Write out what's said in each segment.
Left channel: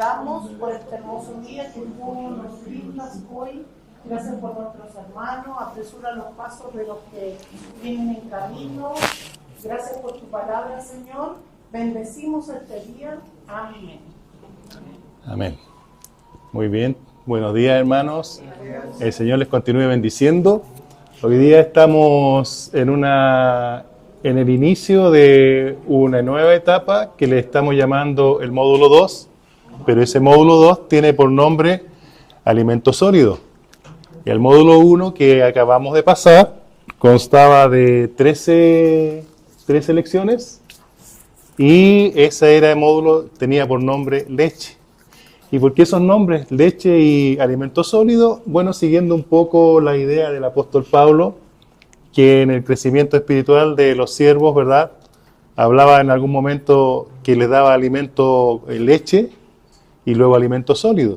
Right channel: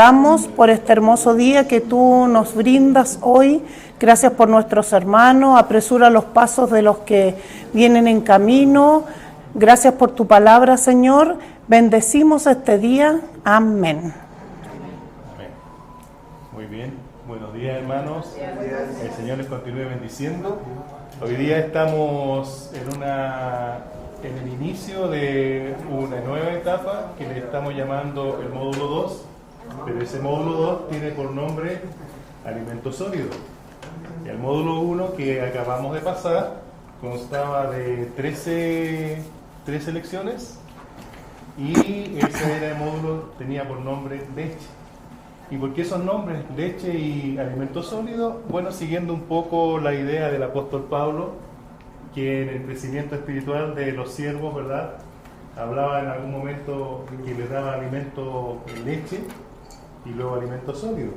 damos por este hermoso día que tú nos brindas hoy. Gracias por nuestros hermanos, apresura los pasos de los que vienen en camino. Gracias por tu palabra, Señor. Bendecimos este día. Amén. Amén. Muy bien. Buenos días, hermanos. El Señor les continúe bendiciendo. Hoy día estamos en el inicio de una nueva etapa que le estamos llamando el módulo 2, pero ese módulo 2 tiene por nombre alimento sólido. El módulo 1 que acabamos de pasar constaba de 13 lecciones y ese era el módulo, tenía por nombre leche. ¿Y por qué esos nombres, leche y alimento sólido? Bueno, siguiendo un poco la idea del apóstol Pablo, que en el crecimiento espiritual de los siervos, ¿verdad?, hablaba en algún momento que les daba alimento leche y luego alimento sólido.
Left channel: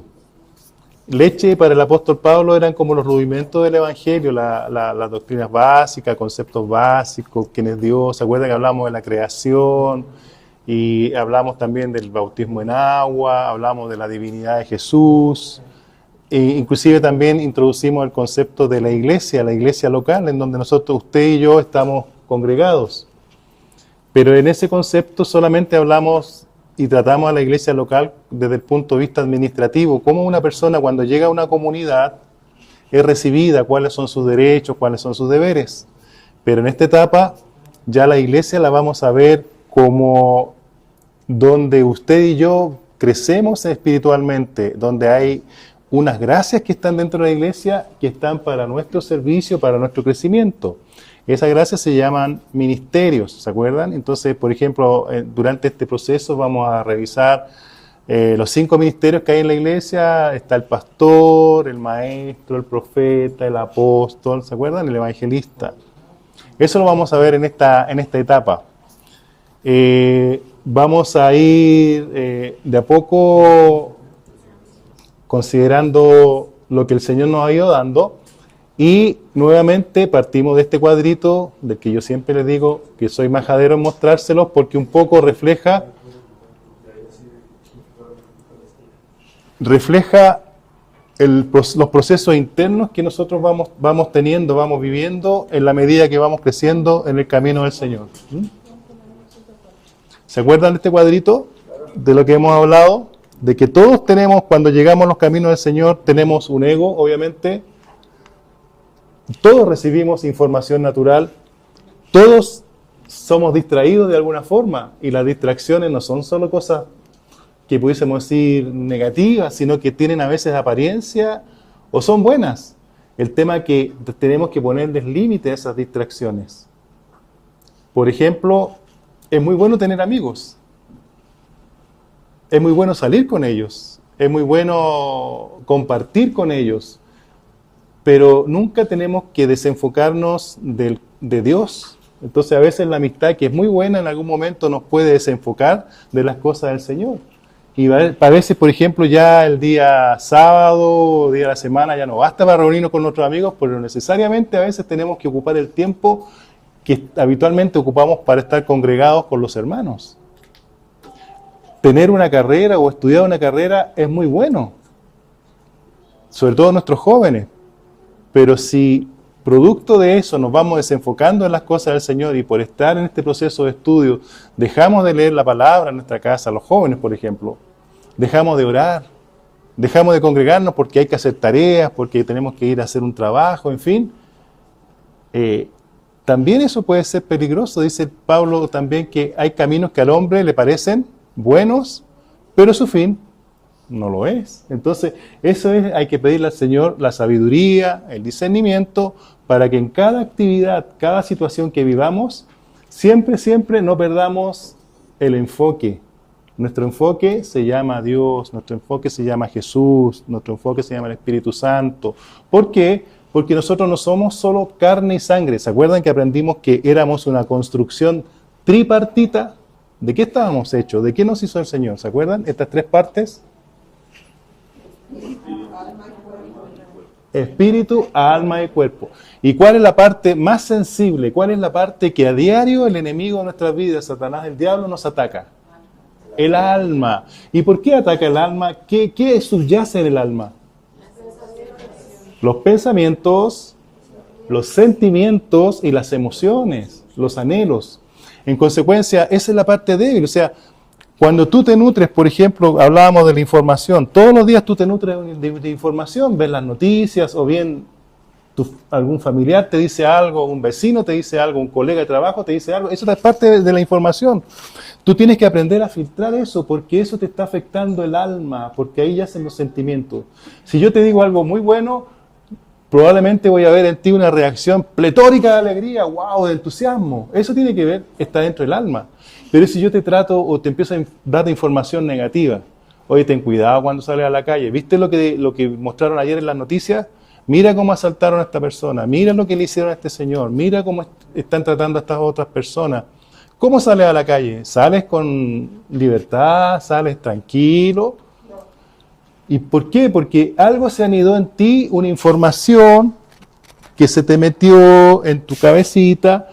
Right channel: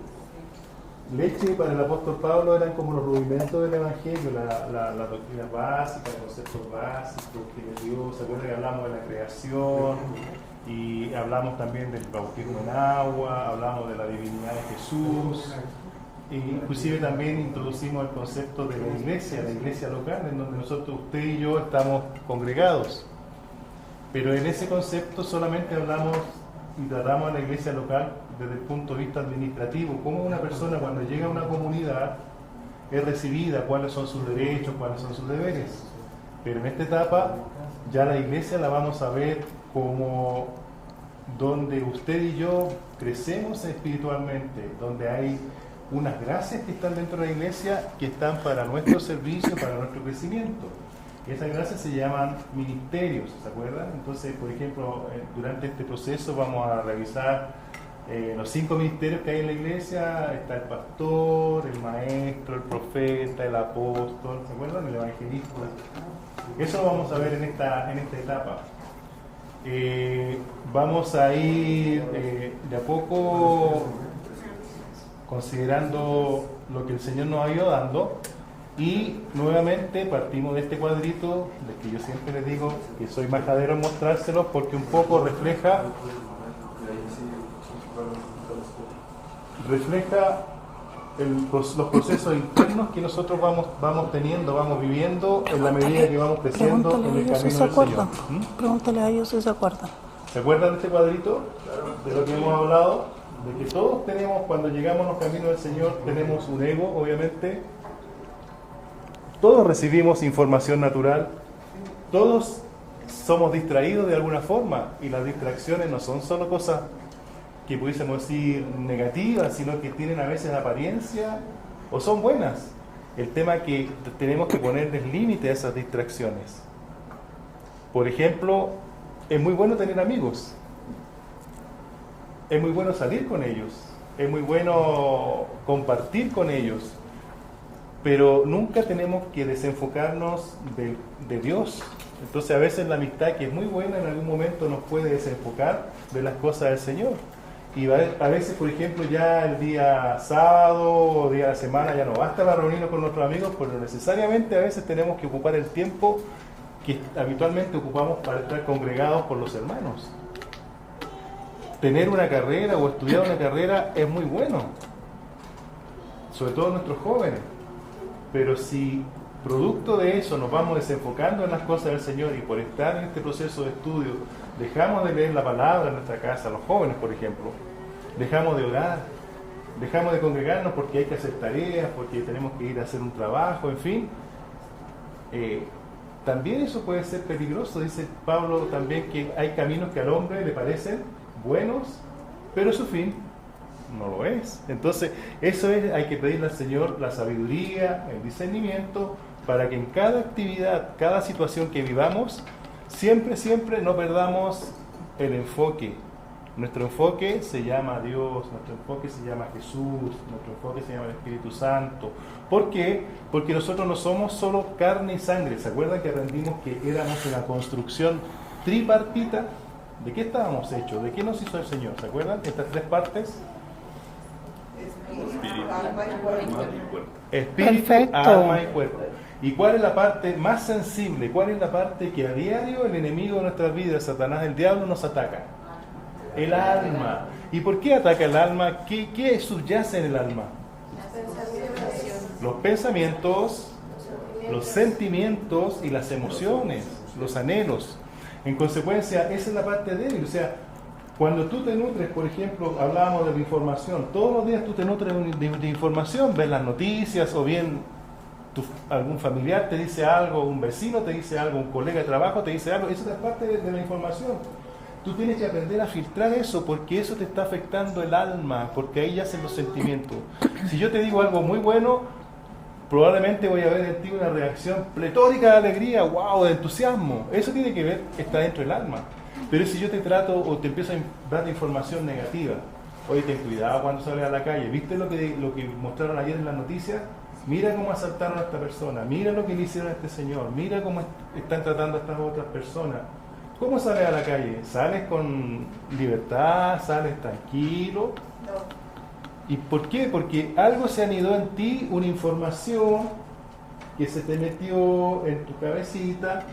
Leche para el apóstol Pablo eran como los rudimentos del Evangelio, las doctrinas básicas, conceptos básicos, quién es Dios. ¿Se acuerdan que hablamos de la creación? Y hablamos también del bautismo en agua, hablamos de la divinidad de Jesús. E inclusive también introducimos el concepto de la iglesia local, en donde nosotros, usted y yo, estamos congregados. Pero en ese concepto solamente hablamos y tratamos a la iglesia local desde el punto de vista administrativo, cómo una persona cuando llega a una comunidad es recibida, cuáles son sus derechos, cuáles son sus deberes. Pero en esta etapa ya la iglesia la vamos a ver como donde usted y yo crecemos espiritualmente, donde hay unas gracias que están dentro de la iglesia que están para nuestro servicio, para nuestro crecimiento. Esas gracias se llaman ministerios, ¿se acuerdan? Entonces, por ejemplo, durante este proceso vamos a revisar los 5 ministerios que hay en la iglesia. Está el pastor, el maestro, el profeta, el apóstol, ¿se acuerdan? El evangelista. Eso lo vamos a ver en esta etapa. Vamos a ir de a poco considerando lo que el Señor nos ha ido dando. Y nuevamente partimos de este cuadrito, del que yo siempre les digo que soy majadero en mostrárselos, porque un poco refleja los procesos internos que nosotros vamos teniendo, vamos viviendo en la medida que vamos creciendo en el camino del Señor. Pregúntale a ellos si se acuerdan. ¿Se acuerdan de este cuadrito? De lo que hemos hablado, de que todos tenemos, cuando llegamos a los caminos del Señor, tenemos un ego, obviamente. Todos recibimos información natural, todos somos distraídos de alguna forma, y las distracciones no son solo cosas que pudiésemos decir negativas, sino que tienen a veces apariencia o son buenas. El tema es que tenemos que ponerles límite a esas distracciones. Por ejemplo, es muy bueno tener amigos, es muy bueno salir con ellos, es muy bueno compartir con ellos, pero nunca tenemos que desenfocarnos de Dios. Entonces a veces la amistad, que es muy buena, en algún momento nos puede desenfocar de las cosas del Señor. Y a veces, por ejemplo, ya el día sábado, día de la semana, ya no basta para reunirnos con nuestros amigos, pero necesariamente a veces tenemos que ocupar el tiempo que habitualmente ocupamos para estar congregados con los hermanos. Tener una carrera o estudiar una carrera es muy bueno, sobre todo nuestros jóvenes. Pero si producto de eso nos vamos desenfocando en las cosas del Señor y por estar en este proceso de estudio dejamos de leer la palabra en nuestra casa, los jóvenes por ejemplo, dejamos de orar, dejamos de congregarnos porque hay que hacer tareas, porque tenemos que ir a hacer un trabajo, en fin, también eso puede ser peligroso. Dice Pablo también que hay caminos que al hombre le parecen buenos, pero su fin no lo es. Entonces, hay que pedirle al Señor la sabiduría, el discernimiento, para que en cada actividad, cada situación que vivamos, siempre no perdamos el enfoque. Nuestro enfoque se llama Dios, nuestro enfoque se llama Jesús, nuestro enfoque se llama el Espíritu Santo. ¿Por qué? Porque nosotros no somos solo carne y sangre. ¿Se acuerdan que aprendimos que éramos una construcción tripartita? ¿De qué estábamos hechos? ¿De qué nos hizo el Señor? ¿Se acuerdan? Estas 3 partes. Espíritu, perfecto, alma y cuerpo. ¿Y cuál es la parte más sensible? ¿Cuál es la parte que a diario el enemigo de nuestras vidas, Satanás, el diablo, nos ataca? El alma. ¿Y por qué ataca el alma? ¿Qué subyace en el alma? Los pensamientos, los sentimientos y las emociones, los anhelos. En consecuencia, esa es la parte débil. O sea, cuando tú te nutres, por ejemplo, hablábamos de la información, todos los días tú te nutres de información, ves las noticias o bien algún familiar te dice algo, un vecino te dice algo, un colega de trabajo te dice algo, eso es parte de la información. Tú tienes que aprender a filtrar eso porque eso te está afectando el alma, porque ahí yacen los sentimientos. Si yo te digo algo muy bueno, probablemente voy a ver en ti una reacción pletórica de alegría, wow, de entusiasmo. Eso tiene que ver, está dentro del alma. Pero si yo te trato o te empiezo a dar información negativa, oye, ten cuidado cuando sales a la calle, ¿viste lo que mostraron ayer en las noticias? Mira cómo asaltaron a esta persona, mira lo que le hicieron a este señor, mira cómo están tratando a estas otras personas. ¿Cómo sales a la calle? ¿Sales con libertad? ¿Sales tranquilo? ¿Y por qué? Porque algo se anidó en ti, una información que se te metió en tu cabecita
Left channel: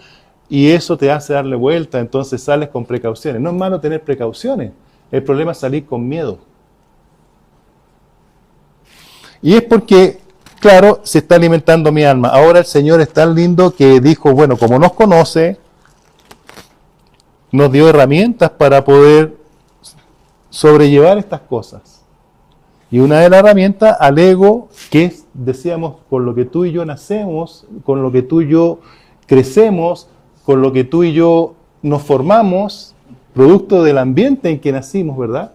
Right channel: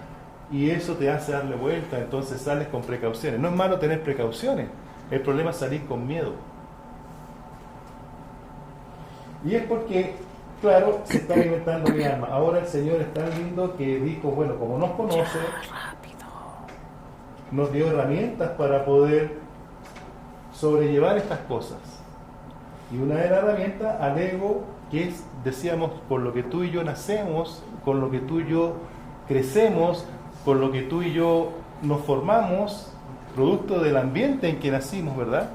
y eso te hace darle vuelta, entonces sales con precauciones. No es malo tener precauciones, el problema es salir con miedo. Y es porque, claro, se está alimentando mi alma. Ahora el Señor es tan lindo que dijo, bueno, como nos conoce, nos dio herramientas para poder sobrellevar estas cosas. Y una de las herramientas al ego, que es, decíamos, con lo que tú y yo nacemos, con lo que tú y yo crecemos, con lo que tú y yo nos formamos, producto del ambiente en que nacimos, ¿verdad?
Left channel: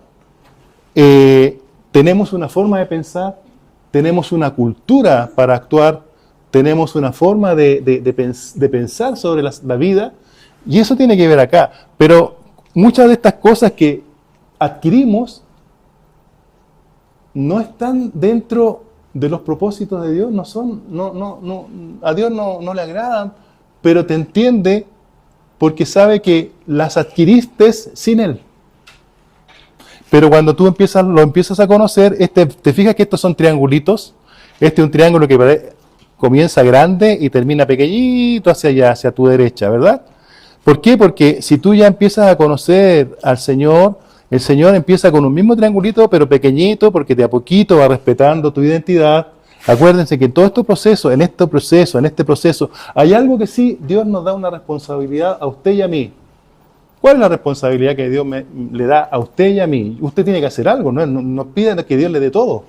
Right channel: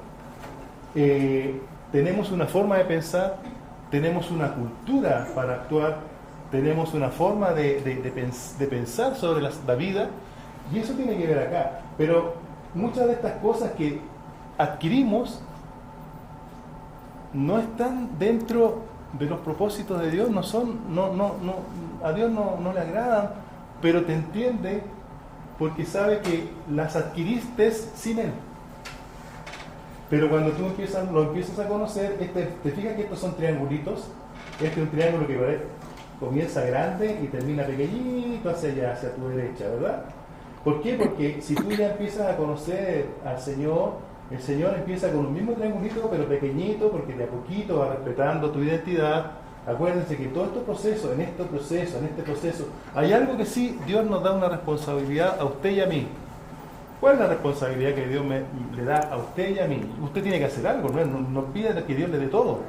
Tenemos una forma de pensar, tenemos una cultura para actuar, tenemos una forma de pensar sobre la vida, y eso tiene que ver acá. Pero muchas de estas cosas que adquirimos no están dentro de los propósitos de Dios, a Dios no le agradan, pero te entiende porque sabe que las adquiriste sin Él. Pero cuando tú lo empiezas a conocer, te fijas que estos son triangulitos. Este es un triángulo que comienza grande y termina pequeñito hacia allá, hacia tu derecha, ¿verdad? ¿Por qué? Porque si tú ya empiezas a conocer al Señor, el Señor empieza con un mismo triangulito, pero pequeñito, porque de a poquito va respetando tu identidad. Acuérdense que en todo este proceso, hay algo que sí, Dios nos da una responsabilidad a usted y a mí. ¿Cuál es la responsabilidad que Dios le da a usted y a mí? Usted tiene que hacer algo, no pida que Dios le dé todo.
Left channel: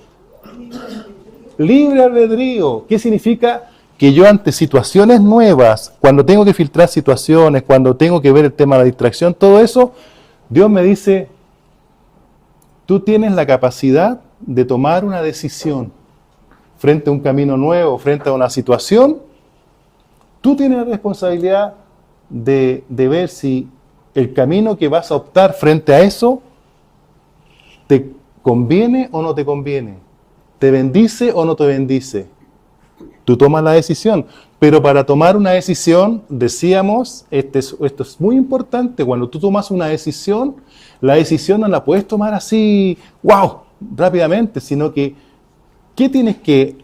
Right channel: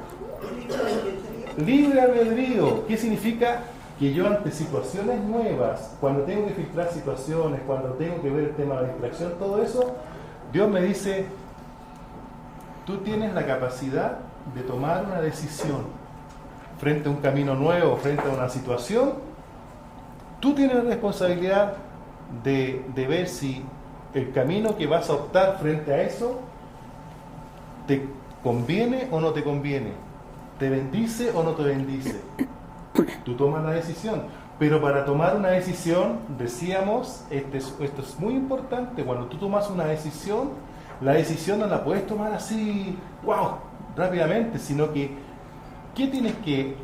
Libre albedrío. ¿Qué significa? Que yo ante situaciones nuevas, cuando tengo que filtrar situaciones, cuando tengo que ver el tema de la distracción, todo eso, Dios me dice, tú tienes la capacidad de tomar una decisión frente a un camino nuevo, frente a una situación. Tú tienes la responsabilidad de ver si el camino que vas a optar frente a eso te conviene o no te conviene, te bendice o no te bendice. Tú tomas la decisión, pero para tomar una decisión, decíamos, esto es muy importante, cuando tú tomas una decisión, la decisión no la puedes tomar así, wow, rápidamente, sino que, ¿qué tienes que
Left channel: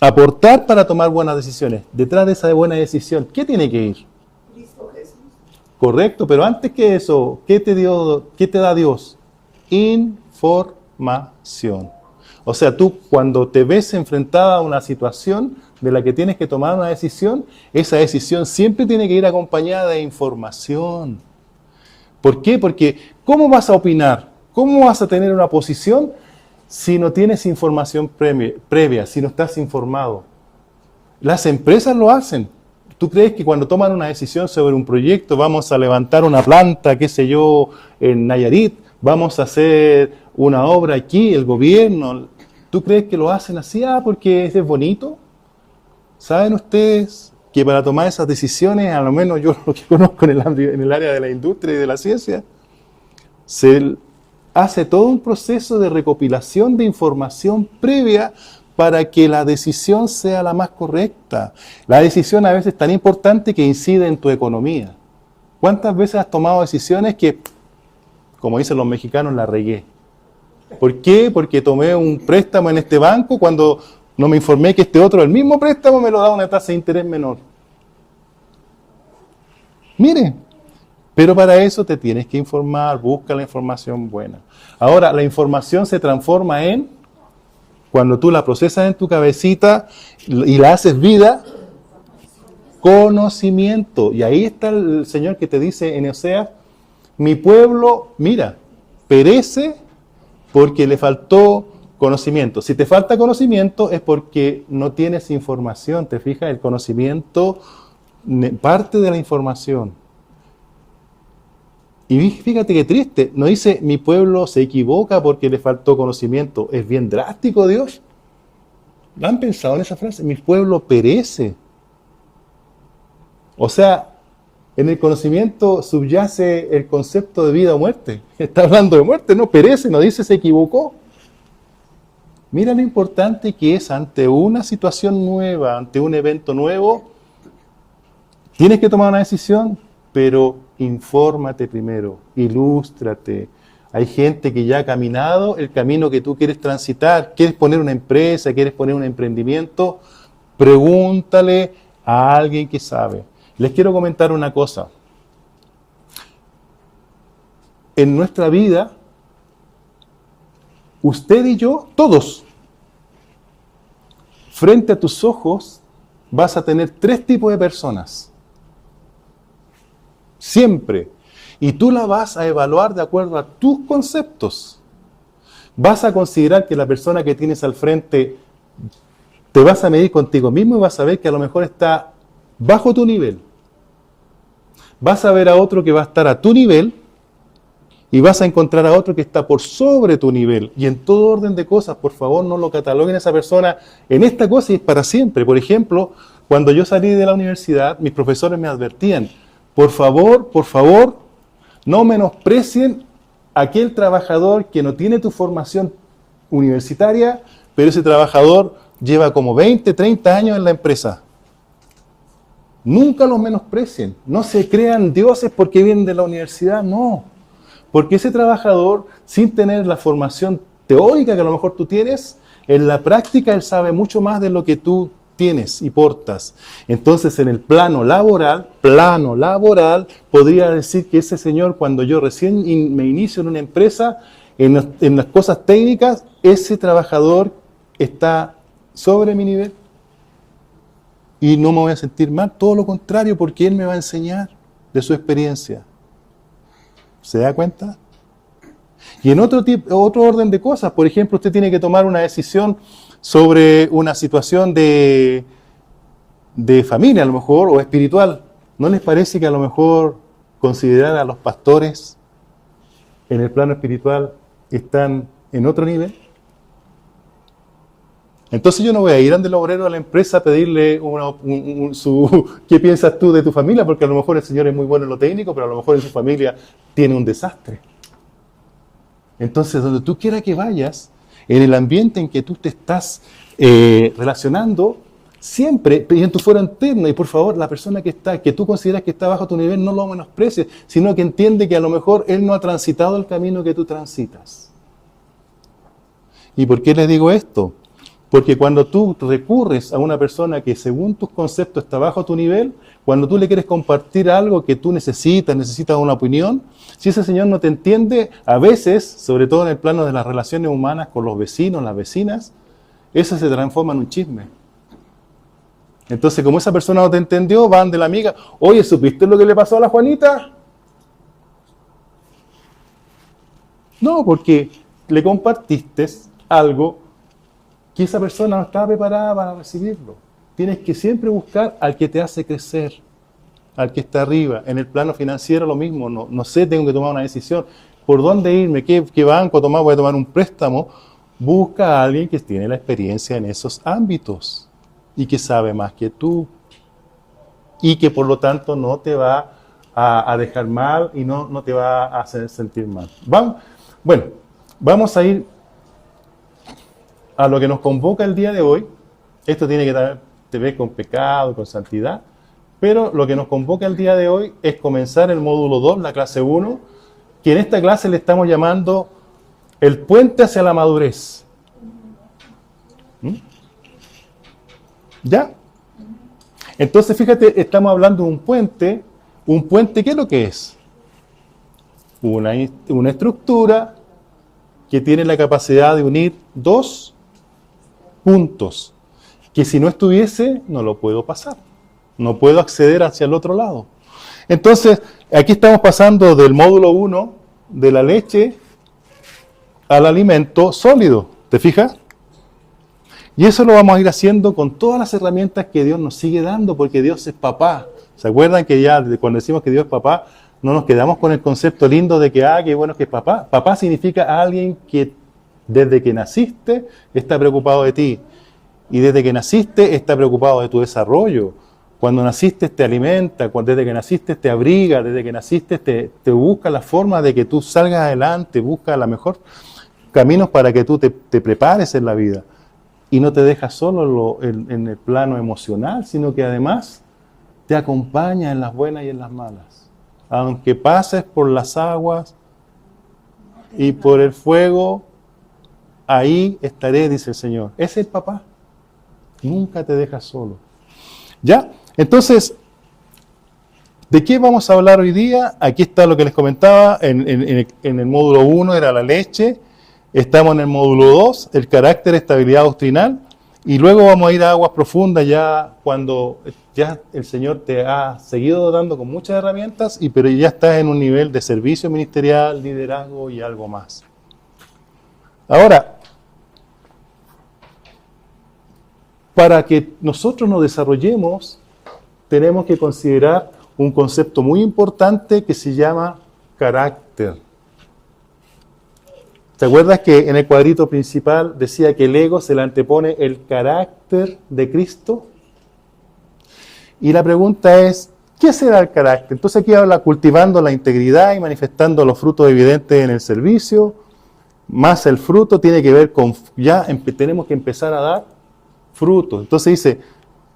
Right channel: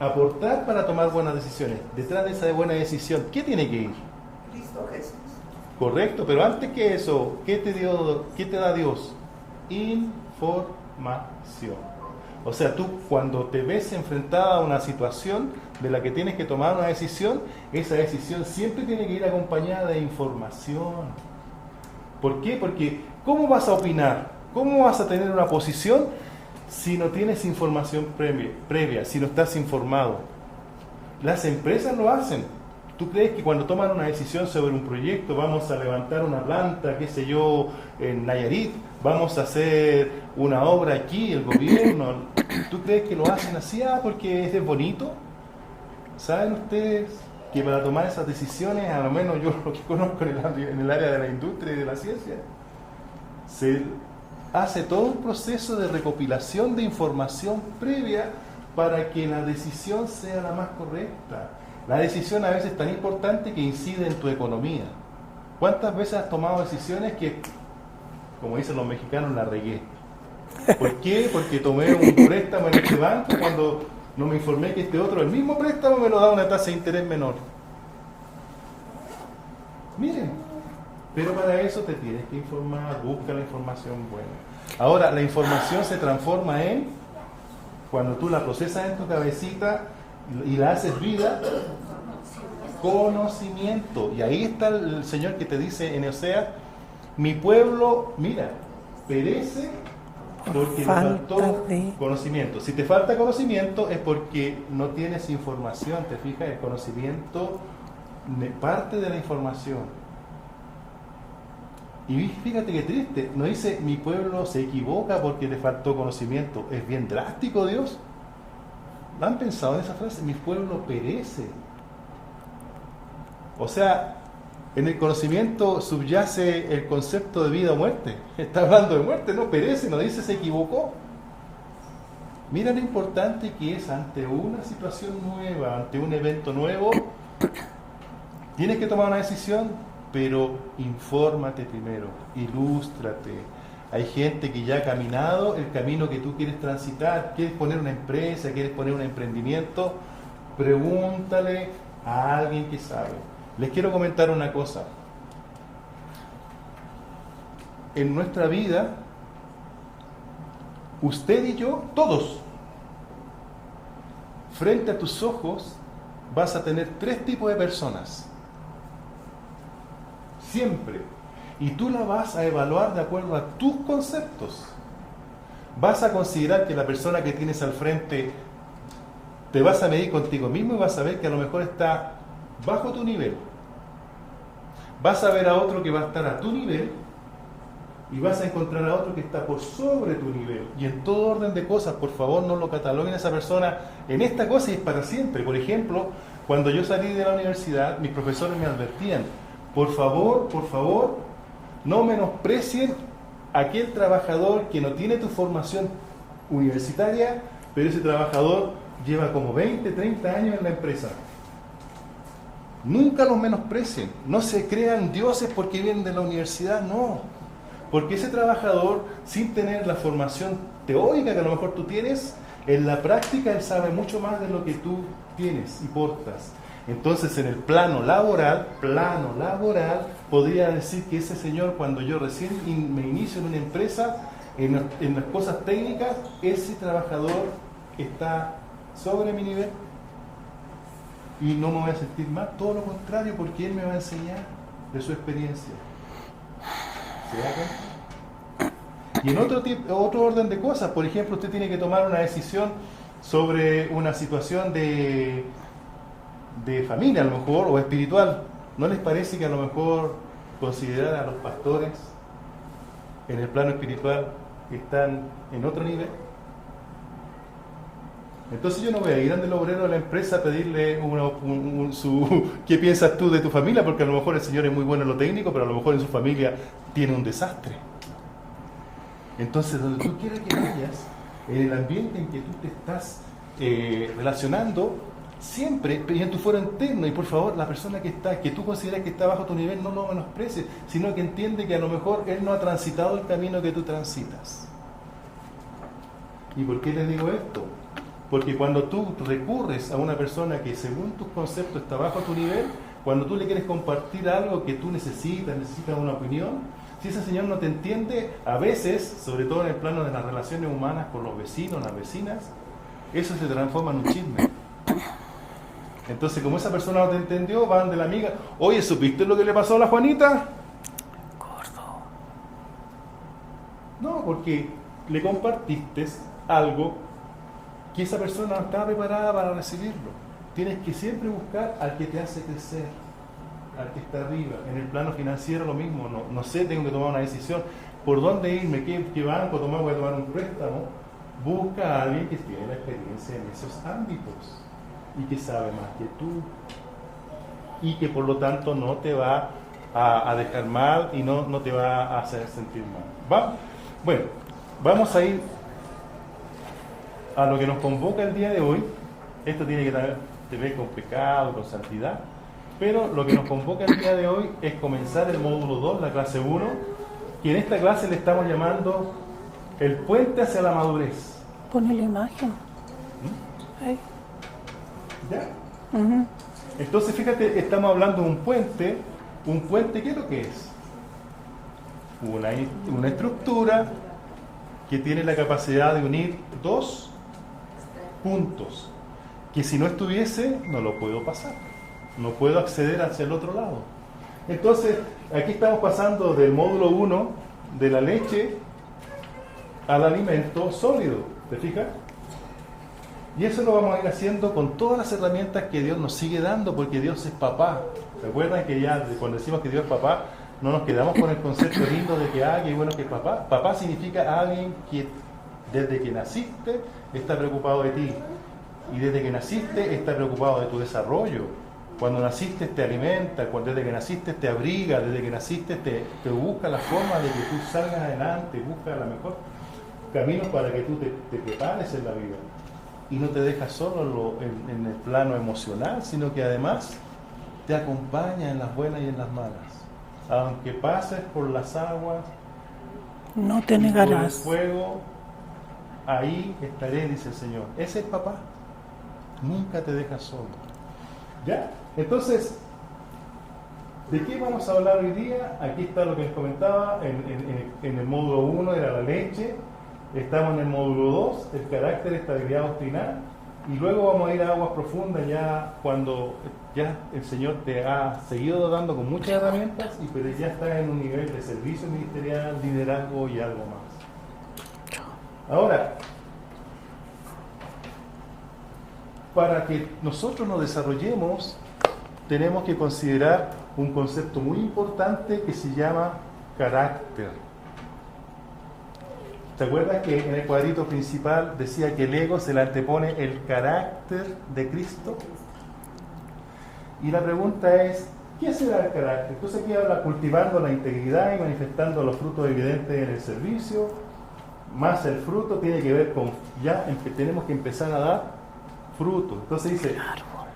aportar para tomar buenas decisiones? Detrás de esa buena decisión, ¿qué tiene que ir? Cristo Jesús. Correcto, pero antes que eso, ¿qué te da Dios? Información. O sea, tú cuando te ves enfrentada a una situación de la que tienes que tomar una decisión, esa decisión siempre tiene que ir acompañada de información. ¿Por qué? Porque ¿cómo vas a opinar? ¿Cómo vas a tener una posición si no tienes información previa, si no estás informado? Las empresas lo hacen. ¿Tú crees que cuando toman una decisión sobre un proyecto, vamos a levantar una planta, qué sé yo, en Nayarit, vamos a hacer una obra aquí, el gobierno, ¿tú crees que lo hacen así? Porque es bonito. ¿Saben ustedes que para tomar esas decisiones, a lo menos yo lo que conozco en el área de la industria y de la ciencia, se hace todo un proceso de recopilación de información previa para que la decisión sea la más correcta? La decisión a veces es tan importante que incide en tu economía. ¿Cuántas veces has tomado decisiones que, como dicen los mexicanos, la regué? ¿Por qué? Porque tomé un préstamo en este banco cuando no me informé que este otro, el mismo préstamo, me lo da una tasa de interés menor. Mire, Pero para eso te tienes que informar, busca la información buena. Ahora, la información se transforma cuando tú la procesas en tu cabecita y la haces vida, conocimiento. Y ahí está el Señor que te dice en Oseas, mi pueblo, mira, perece porque le faltó conocimiento. Si te falta conocimiento es porque no tienes información, ¿te fijas? El conocimiento parte de la información. Y fíjate qué triste, no dice mi pueblo se equivoca porque le faltó conocimiento. Es bien drástico, Dios. ¿Han pensado en esa frase? Mi pueblo perece. O sea, en el conocimiento subyace el concepto de vida o muerte. Está hablando de muerte, no perece, no dice se equivocó. Mira lo importante que es ante una situación nueva, ante un evento nuevo, tienes que tomar una decisión, pero infórmate primero, ilústrate. Hay gente que ya ha caminado el camino que tú quieres transitar, quieres poner una empresa, quieres poner un emprendimiento, pregúntale a alguien que sabe. Les quiero comentar una cosa. En nuestra vida, usted y yo, todos, frente a tus ojos, vas a tener 3 tipos de personas. Siempre. Y tú la vas a evaluar de acuerdo a tus conceptos. Vas a considerar que la persona que tienes al frente, te vas a medir contigo mismo y vas a ver que a lo mejor está bajo tu nivel. Vas a ver a otro que va a estar a tu nivel y vas a encontrar a otro que está por sobre tu nivel. Y en todo orden de cosas, por favor, no lo cataloguen a esa persona en esta cosa y es para siempre. Por ejemplo, cuando yo salí de la universidad, mis profesores me advertían, por favor, no menosprecien a aquel trabajador que no tiene tu formación universitaria, pero ese trabajador lleva como 20, 30 años en la empresa. Nunca lo menosprecien, no se crean dioses porque vienen de la universidad, no. Porque ese trabajador, sin tener la formación teórica que a lo mejor tú tienes, en la práctica él sabe mucho más de lo que tú tienes y portas. Entonces en el plano laboral, podría decir que ese señor, cuando yo recién me inicio en una empresa, en las cosas técnicas, ese trabajador está sobre mi nivel. Y no me voy a sentir mal, todo lo contrario, porque él me va a enseñar de su experiencia. ¿Se da cuenta? Y en otro orden de cosas, por ejemplo, usted tiene que tomar una decisión sobre una situación de familia, a lo mejor, o espiritual. ¿No les parece que a lo mejor considerar a los pastores en el plano espiritual están en otro nivel? Entonces yo no voy a ir ante el obrero a la empresa a pedirle ¿qué piensas tú de tu familia? Porque a lo mejor el señor es muy bueno en lo técnico, pero a lo mejor en su familia tiene un desastre. Entonces, donde tú quieras que vayas, en el ambiente en que tú te estás relacionando, siempre, y en tu foro interno, y por favor, la persona que tú consideras que está bajo tu nivel, no lo menosprecies, sino que entiende que a lo mejor él no ha transitado el camino que tú transitas. ¿Y por qué les digo esto? Porque cuando tú recurres a una persona que según tus conceptos está bajo tu nivel, cuando tú le quieres compartir algo que tú necesitas una opinión, si ese señor no te entiende, a veces, sobre todo en el plano de las relaciones humanas con los vecinos, las vecinas, eso se transforma en un chisme. Entonces, como esa persona no te entendió, van de la amiga, oye, ¿supiste lo que le pasó a la Juanita? Gordo. No, porque le compartiste algo que esa persona no estaba preparada para recibirlo. Tienes que siempre buscar al que te hace crecer, al que está arriba. En el plano financiero lo mismo, no sé, tengo que tomar una decisión. ¿Por dónde irme? ¿Qué banco tomar? ¿Voy a tomar un préstamo? Busca a alguien que tiene la experiencia en esos ámbitos y que sabe más que tú y que por lo tanto no te va a dejar mal y no te va a hacer sentir mal. ¿Vamos? Bueno, vamos a ir a lo que nos convoca el día de hoy. Esto tiene que ver con pecado, con santidad, pero lo que nos convoca el día de hoy es comenzar el módulo 2, la clase 1, que en esta clase le estamos llamando el puente hacia la madurez. Pone la imagen. Ahí. ¿Ya? Entonces, fíjate, estamos hablando de un puente, ¿qué es lo que es? una estructura que tiene la capacidad de unir dos puntos, que si no estuviese, no lo puedo pasar. No puedo acceder hacia el otro lado. Entonces, aquí estamos pasando del módulo 1, de la leche, al alimento sólido. ¿Te fijas? Y eso lo vamos a ir haciendo con todas las herramientas que Dios nos sigue dando, porque Dios es papá. ¿Se acuerdan que ya cuando decimos que Dios es papá, no nos quedamos con el concepto lindo de que, qué bueno que es papá? Papá significa alguien que desde que naciste está preocupado de ti. Y desde que naciste está preocupado de tu desarrollo. Cuando naciste te alimenta, desde que naciste te abriga, desde que naciste te busca la forma de que tú salgas adelante, busca la mejor caminos para que tú te prepares en la vida. Y no te deja solo en el plano emocional, sino que además te acompaña en las buenas y en las malas. Aunque pases por las aguas No te y negarás. por el fuego, ahí estaré, dice el Señor. Ese es el papá. Nunca te deja solo. ¿Ya? Entonces, ¿de qué vamos a hablar hoy día? Aquí está lo que les comentaba. En el módulo 1 era la leche. Estamos en el módulo 2, el carácter, estabilidad doctrinal. Y luego vamos a ir a aguas profundas ya cuando ya el Señor te ha seguido dando con muchas herramientas, pero ya estás en un nivel de servicio ministerial, liderazgo y algo más. Ahora, para que nosotros nos desarrollemos, tenemos que considerar un concepto muy importante que se llama carácter. ¿Te acuerdas que en el cuadrito principal decía que el ego se le antepone el carácter de Cristo? Y la pregunta es, ¿qué será el carácter? Entonces aquí habla cultivando la integridad y manifestando los frutos evidentes en el servicio, más el fruto tiene que ver con, tenemos que empezar a dar frutos. Entonces dice,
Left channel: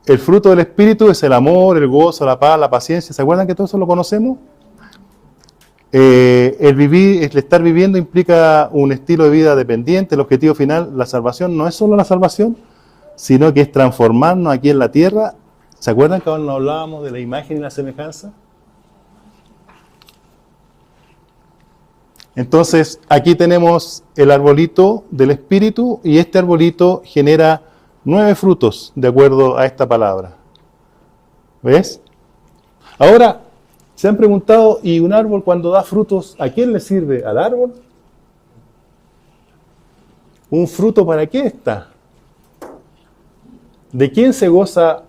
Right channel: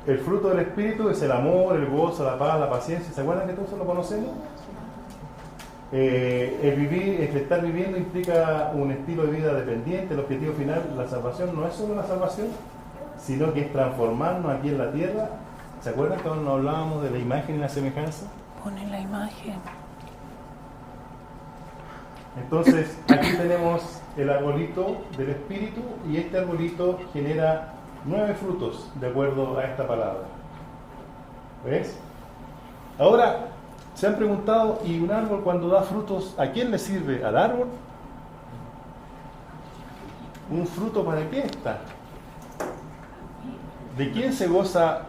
el fruto del Espíritu es el amor, el gozo, la paz, la paciencia. ¿Se acuerdan que todo eso lo conocemos? El estar viviendo implica un estilo de vida dependiente. El objetivo final, la salvación, no es solo la salvación, sino que es transformarnos aquí en la tierra. ¿Se acuerdan que cuando hablábamos de la imagen y la semejanza? Pone la imagen. Entonces, aquí tenemos el arbolito del Espíritu y este arbolito genera 9 frutos, de acuerdo a esta palabra. ¿Ves? Ahora, ¿se han preguntado, y un árbol cuando da frutos, a quién le sirve? ¿Al árbol? ¿Un fruto para qué está? ¿De quién se goza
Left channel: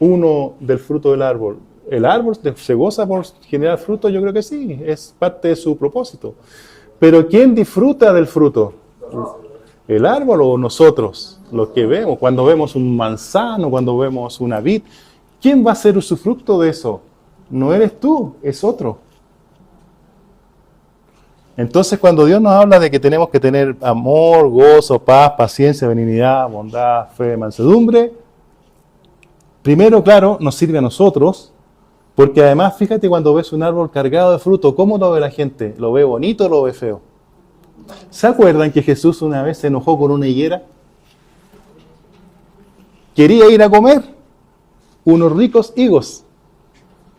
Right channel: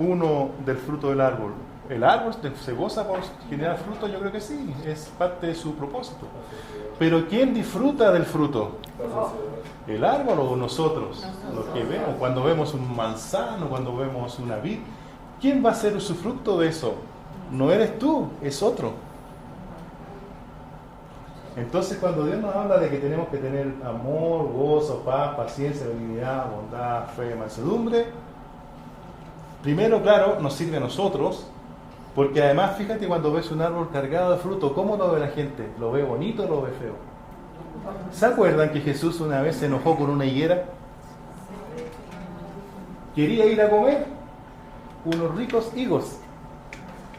uno del fruto del árbol? ¿El árbol se goza por generar fruto? Yo creo que sí, es parte de su propósito. Pero ¿quién disfruta del fruto? ¿El árbol o nosotros? Los que vemos, cuando vemos un manzano, cuando vemos una vid. ¿Quién va a ser usufructo de eso? No eres tú, es otro. Entonces, cuando Dios nos habla de que tenemos que tener amor, gozo, paz, paciencia, benignidad, bondad, fe, mansedumbre, primero, claro, nos sirve a nosotros, porque además, fíjate cuando ves un árbol cargado de fruto, ¿cómo lo ve la gente? ¿Lo ve bonito o lo ve feo? ¿Se acuerdan que Jesús una vez se enojó con una higuera? Quería ir a comer unos ricos higos.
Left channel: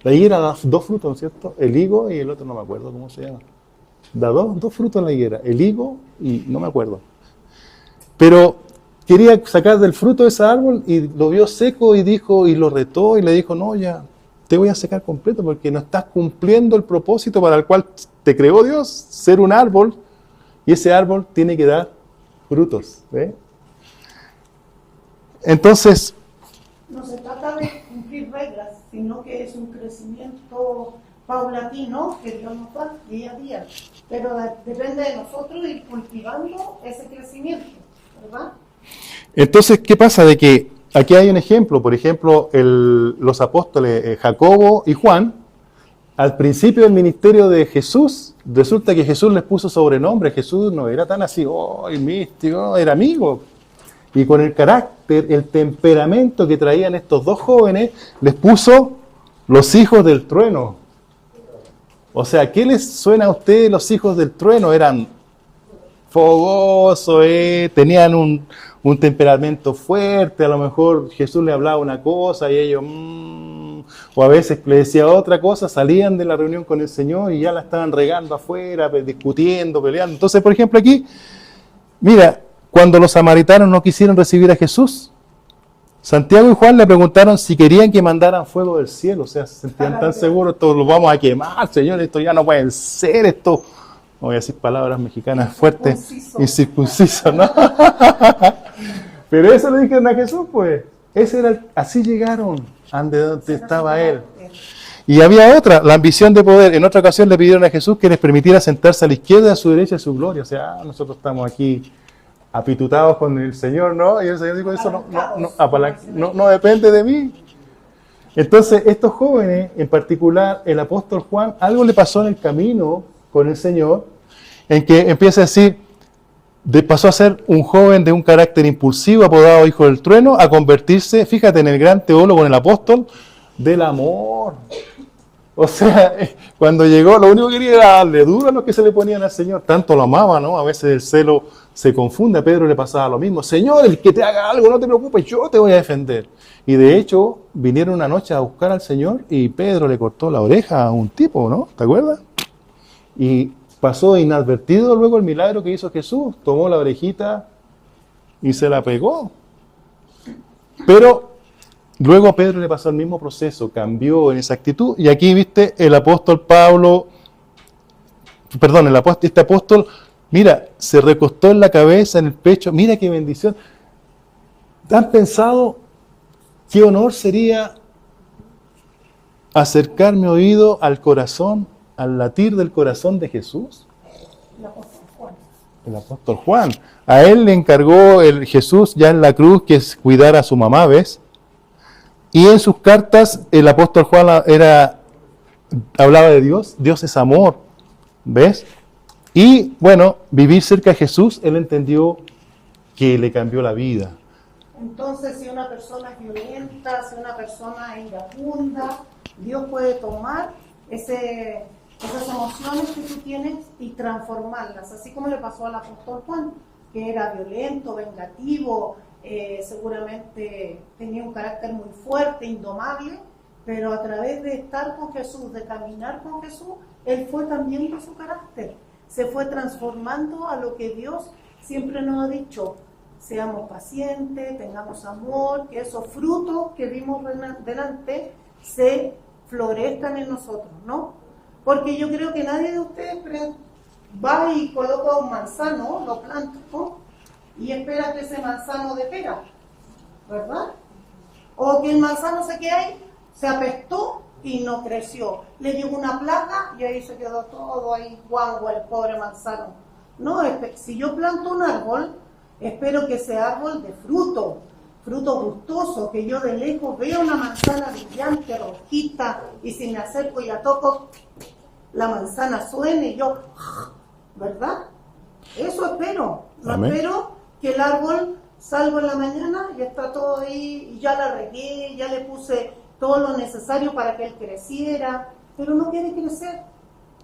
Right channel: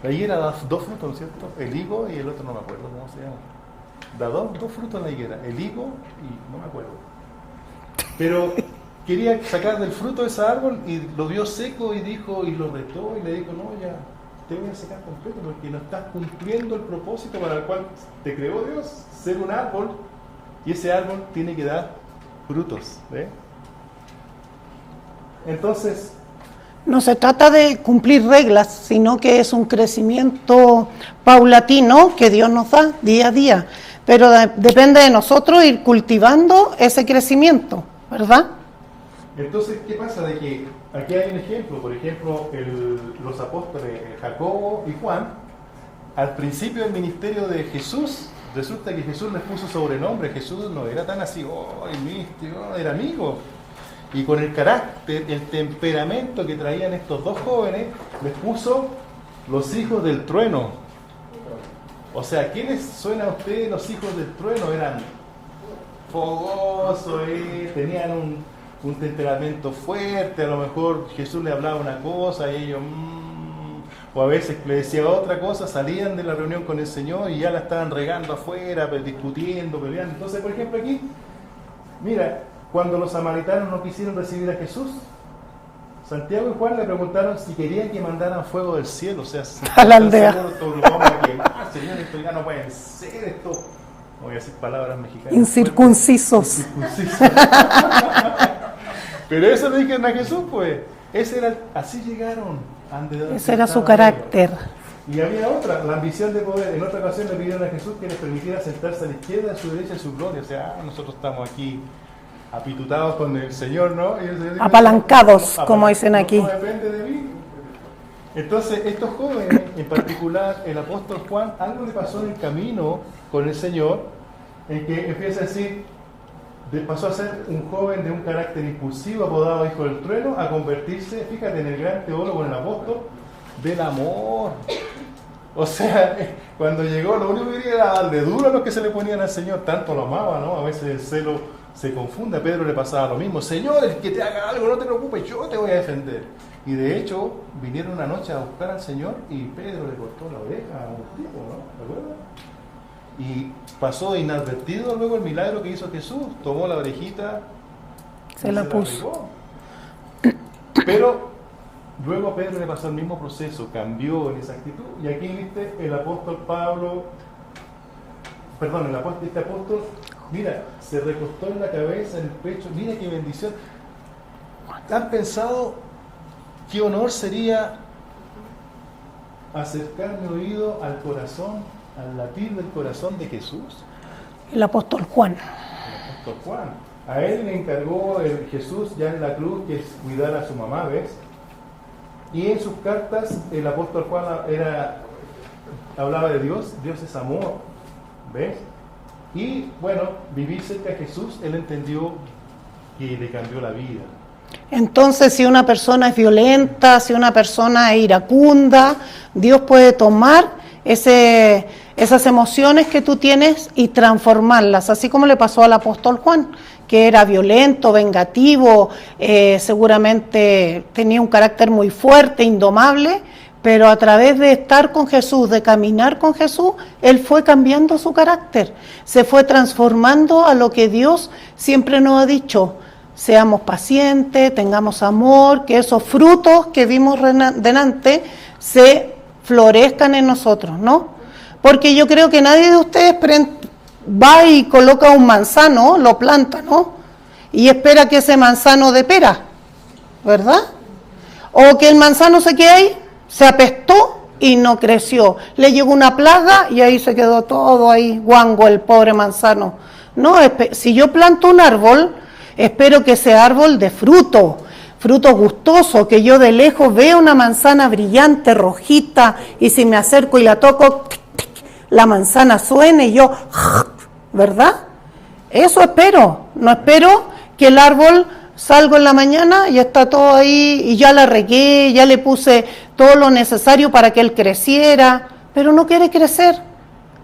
La higuera da 2 frutos, ¿no es cierto? El higo y el otro no me acuerdo cómo se llama. Da dos frutos la higuera, el higo y no me acuerdo. Pero quería sacar del fruto de ese árbol y lo vio seco y dijo, y lo retó y le dijo, no, ya, te voy a secar completo porque no estás cumpliendo el propósito para el cual te creó Dios, ser un árbol, y ese árbol tiene que dar frutos. Entonces, No se trata de cumplir reglas, sino que es un crecimiento paulatino que Dios nos da día a día. Pero depende de nosotros ir cultivando ese crecimiento, ¿verdad? entonces, ¿qué pasa? De que aquí hay un ejemplo, por ejemplo, los apóstoles Jacobo y Juan, al principio del ministerio de Jesús, resulta que Jesús les puso sobrenombre. Jesús no era tan así, el místico, era amigo. Y con el carácter, el temperamento que traían estos dos jóvenes, les puso los hijos del trueno. O sea, ¿qué les suena a ustedes los hijos del trueno? Eran fogosos, tenían un temperamento fuerte, a lo mejor Jesús le hablaba una cosa y ellos... o a veces le decía otra cosa, salían de la reunión con el Señor y ya la estaban regando afuera, discutiendo, peleando. Entonces, por ejemplo, aquí, mira, cuando los samaritanos no quisieron recibir a Jesús, Santiago y Juan le preguntaron si querían que mandaran fuego del cielo. O sea, si están seguros, esto lo vamos a quemar, Señor, esto ya no pueden ser, esto, no voy a decir palabras mexicanas incircuncisos. Incircuncisos, ¿no? Pero eso le dijeron a Jesús, pues. Así llegaron. Ese era su carácter. Y había otra, la ambición de poder. En otra ocasión le pidieron a Jesús que les permitiera sentarse a la izquierda y a su derecha de su gloria. O sea, nosotros estamos aquí apitutados con el Señor, ¿no? Y el Señor dijo, apalancados, como dicen aquí. No depende de mí. Entonces, estos jóvenes, en particular el apóstol Juan, algo le pasó en el camino con el Señor, en que empieza a decir, pasó a ser un joven de un carácter impulsivo, apodado Hijo del Trueno, a convertirse, fíjate, en el gran teólogo, en el apóstol del amor. O sea, cuando llegó, lo único que quería era darle duro a los que se le ponían al Señor, tanto lo amaba, ¿no? A veces el celo se confunde, a Pedro le pasaba lo mismo. Señor, el que te haga algo, no te preocupes, yo te voy a defender. Y de hecho, vinieron una noche a buscar al Señor y Pedro le cortó la oreja a un tipo, ¿no? ¿Te acuerdas? Y pasó inadvertido luego el milagro que hizo Jesús. Tomó la orejita y se la pegó. Pero luego a Pedro le pasó el mismo proceso, cambió en esa actitud. Y aquí, viste, el apóstol Pablo, perdón, este apóstol, mira, se recostó en la cabeza, en el pecho. Mira qué bendición. ¿Han pensado qué honor sería acercar mi oído al corazón, al latir del corazón de Jesús? El apóstol Juan. El apóstol Juan. A él le encargó el Jesús ya en la cruz que es cuidar a su mamá, ¿ves? Y en sus cartas el apóstol Juan hablaba de Dios. Dios es amor, ¿ves? Y bueno, vivir cerca de Jesús, él entendió que le cambió la vida. Entonces, si una persona es violenta, si una persona es iracunda, Dios puede tomar esas emociones que tú tienes y transformarlas, así como le pasó al apóstol Juan, que era violento, vengativo, seguramente tenía un carácter muy fuerte, indomable, pero a través de estar con Jesús, de caminar con Jesús, él fue cambiando su carácter, se fue transformando a lo que Dios siempre nos ha dicho: seamos pacientes, tengamos amor, que esos frutos que vimos delante se florezcan en nosotros, ¿no? Porque yo creo que nadie de ustedes va y coloca un manzano, lo planta, ¿no? Y espera que ese manzano dé pera, ¿verdad? O que el manzano se quede ahí, se apestó y no creció. Le llegó una plaga y ahí se quedó todo ahí, guango, el pobre manzano. No, si yo planto un árbol, espero que ese árbol dé fruto gustoso, que yo de lejos vea una manzana brillante, rojita, y si me acerco y la toco, la manzana suene y yo, ¿verdad? Eso espero. No Amén. Espero que el árbol salga en la mañana y está todo ahí, y ya la regué, ya le puse todo lo necesario para que él creciera, pero no quiere crecer.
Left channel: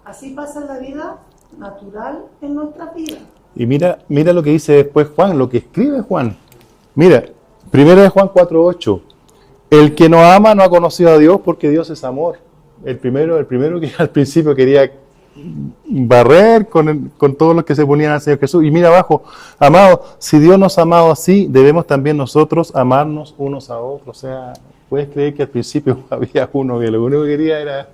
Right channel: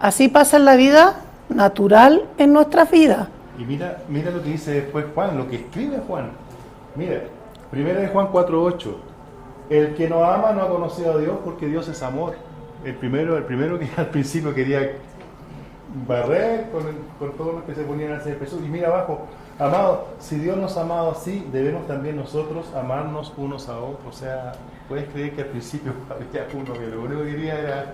Así pasa en la vida natural en nuestras vidas. Y mira lo que dice después Juan, lo que escribe Juan. Mira, 1 Juan 4:8. El que no ama no ha conocido a Dios, porque Dios es amor. El primero que al principio quería barrer con todos los que se ponían al Señor Jesús. Y mira abajo: amados, si Dios nos ha amado así, debemos también nosotros amarnos unos a otros. O sea, puedes creer que al principio había uno que lo único que quería era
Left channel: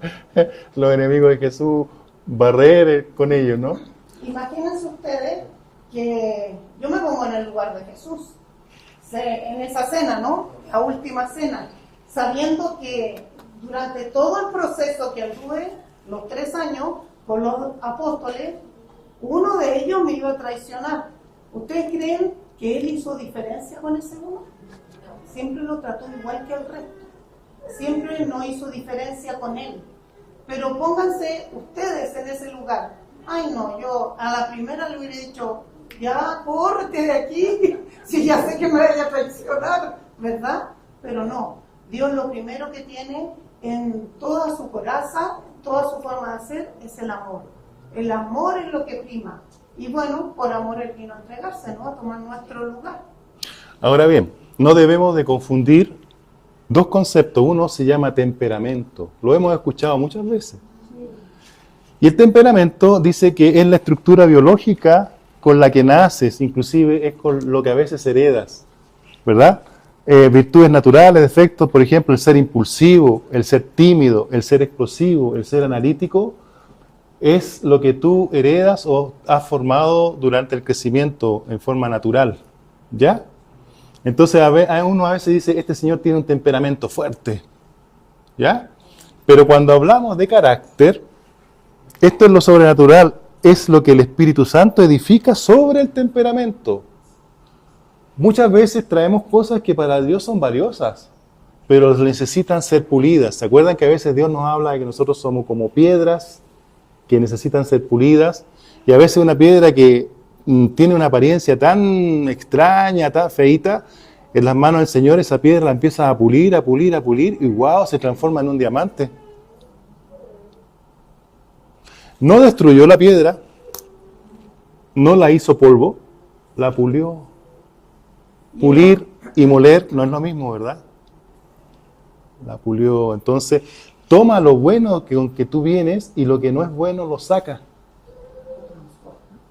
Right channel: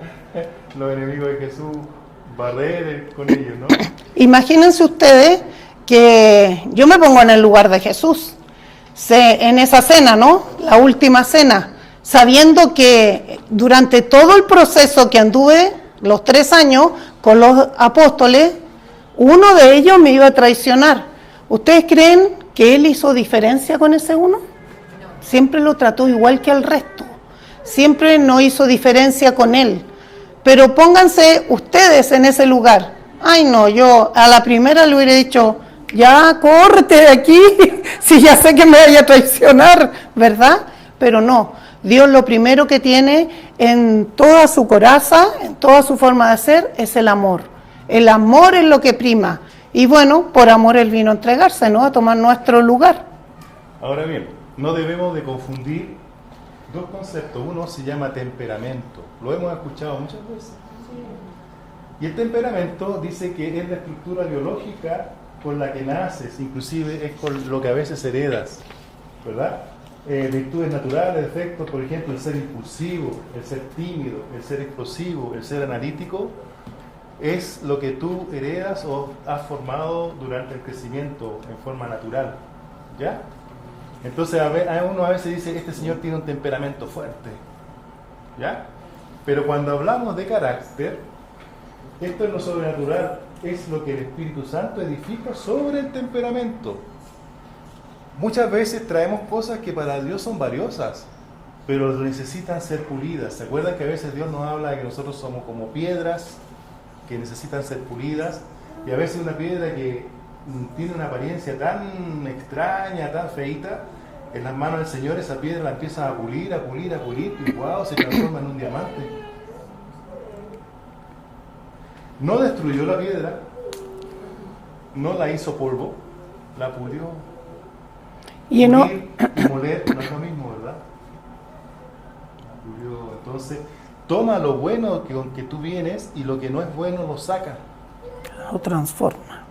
los enemigos de Jesús, barrer con ellos, ¿no? Imagínense ustedes que yo me pongo en el lugar de Jesús, en esa cena, ¿no? La última cena, sabiendo que durante todo el proceso que anduve, los 3 años, con los apóstoles, uno de ellos me iba a traicionar. ¿Ustedes creen que él hizo diferencia con ese uno? Siempre lo trató igual que al resto, siempre no hizo diferencia con él. Pero pónganse ustedes en ese lugar. Ay no, yo a la primera le hubiera dicho: ya, córrete de aquí, si ya sé que me vaya a traicionar, ¿verdad? Pero no, Dios lo primero que tiene en toda su coraza, en toda su forma de ser, es el amor. El amor es lo que prima. Y bueno, por amor Él vino a entregarse, ¿no? A tomar nuestro lugar. Ahora bien, no debemos de confundir dos conceptos. Uno se llama temperamento. Lo hemos escuchado muchas veces. Y el temperamento dice que es la estructura biológica con la que naces, inclusive es con lo que a veces heredas, ¿verdad? Virtudes naturales, defectos, por ejemplo, el ser impulsivo, el ser tímido, el ser explosivo, el ser analítico, es lo que tú heredas o has formado durante el crecimiento en forma natural, ¿ya? Entonces uno a veces dice, este señor tiene un temperamento fuerte, ¿ya? Pero cuando hablamos de carácter, esto es lo sobrenatural, es lo que el Espíritu Santo edifica sobre el temperamento. Muchas veces traemos cosas que para Dios son valiosas, pero necesitan ser pulidas. ¿Se acuerdan que a veces Dios nos habla de que nosotros somos como piedras que necesitan ser pulidas? Y a veces una piedra que tiene una apariencia tan extraña, tan feita, en las manos del Señor esa piedra la empieza a pulir, y ¡wow!, se transforma en un diamante. No destruyó la piedra, no la hizo polvo, la pulió. Pulir y moler no es lo mismo, ¿verdad? La pulió. Entonces, toma lo bueno que tú vienes y lo que no es bueno lo saca. Lo transforma.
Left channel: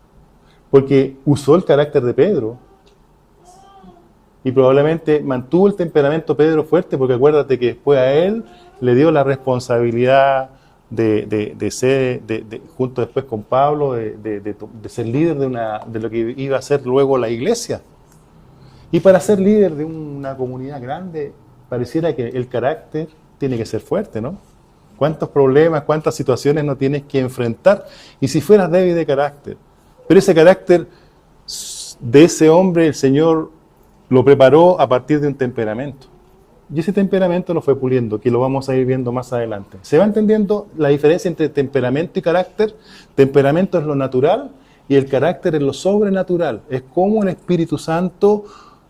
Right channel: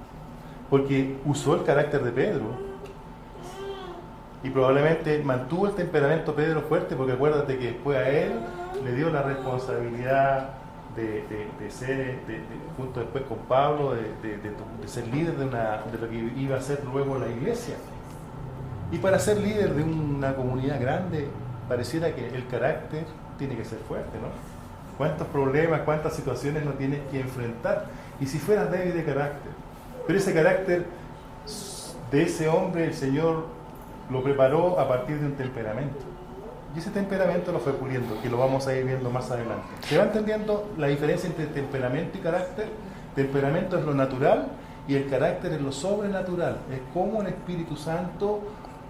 Porque usó el carácter de Pedro. Y probablemente mantuvo el temperamento Pedro fuerte, porque acuérdate que después a él le dio la responsabilidad de ser, junto después con Pablo, de ser líder de lo que iba a ser luego la iglesia. Y para ser líder de una comunidad grande, pareciera que el carácter tiene que ser fuerte, ¿no? ¿Cuántos problemas, cuántas situaciones no tienes que enfrentar? Y si fueras débil de carácter. Pero ese carácter de ese hombre, el Señor lo preparó a partir de un temperamento. Y ese temperamento lo fue puliendo, que lo vamos a ir viendo más adelante. ¿Se va entendiendo la diferencia entre temperamento y carácter? Temperamento es lo natural y el carácter es lo sobrenatural. Es como el Espíritu Santo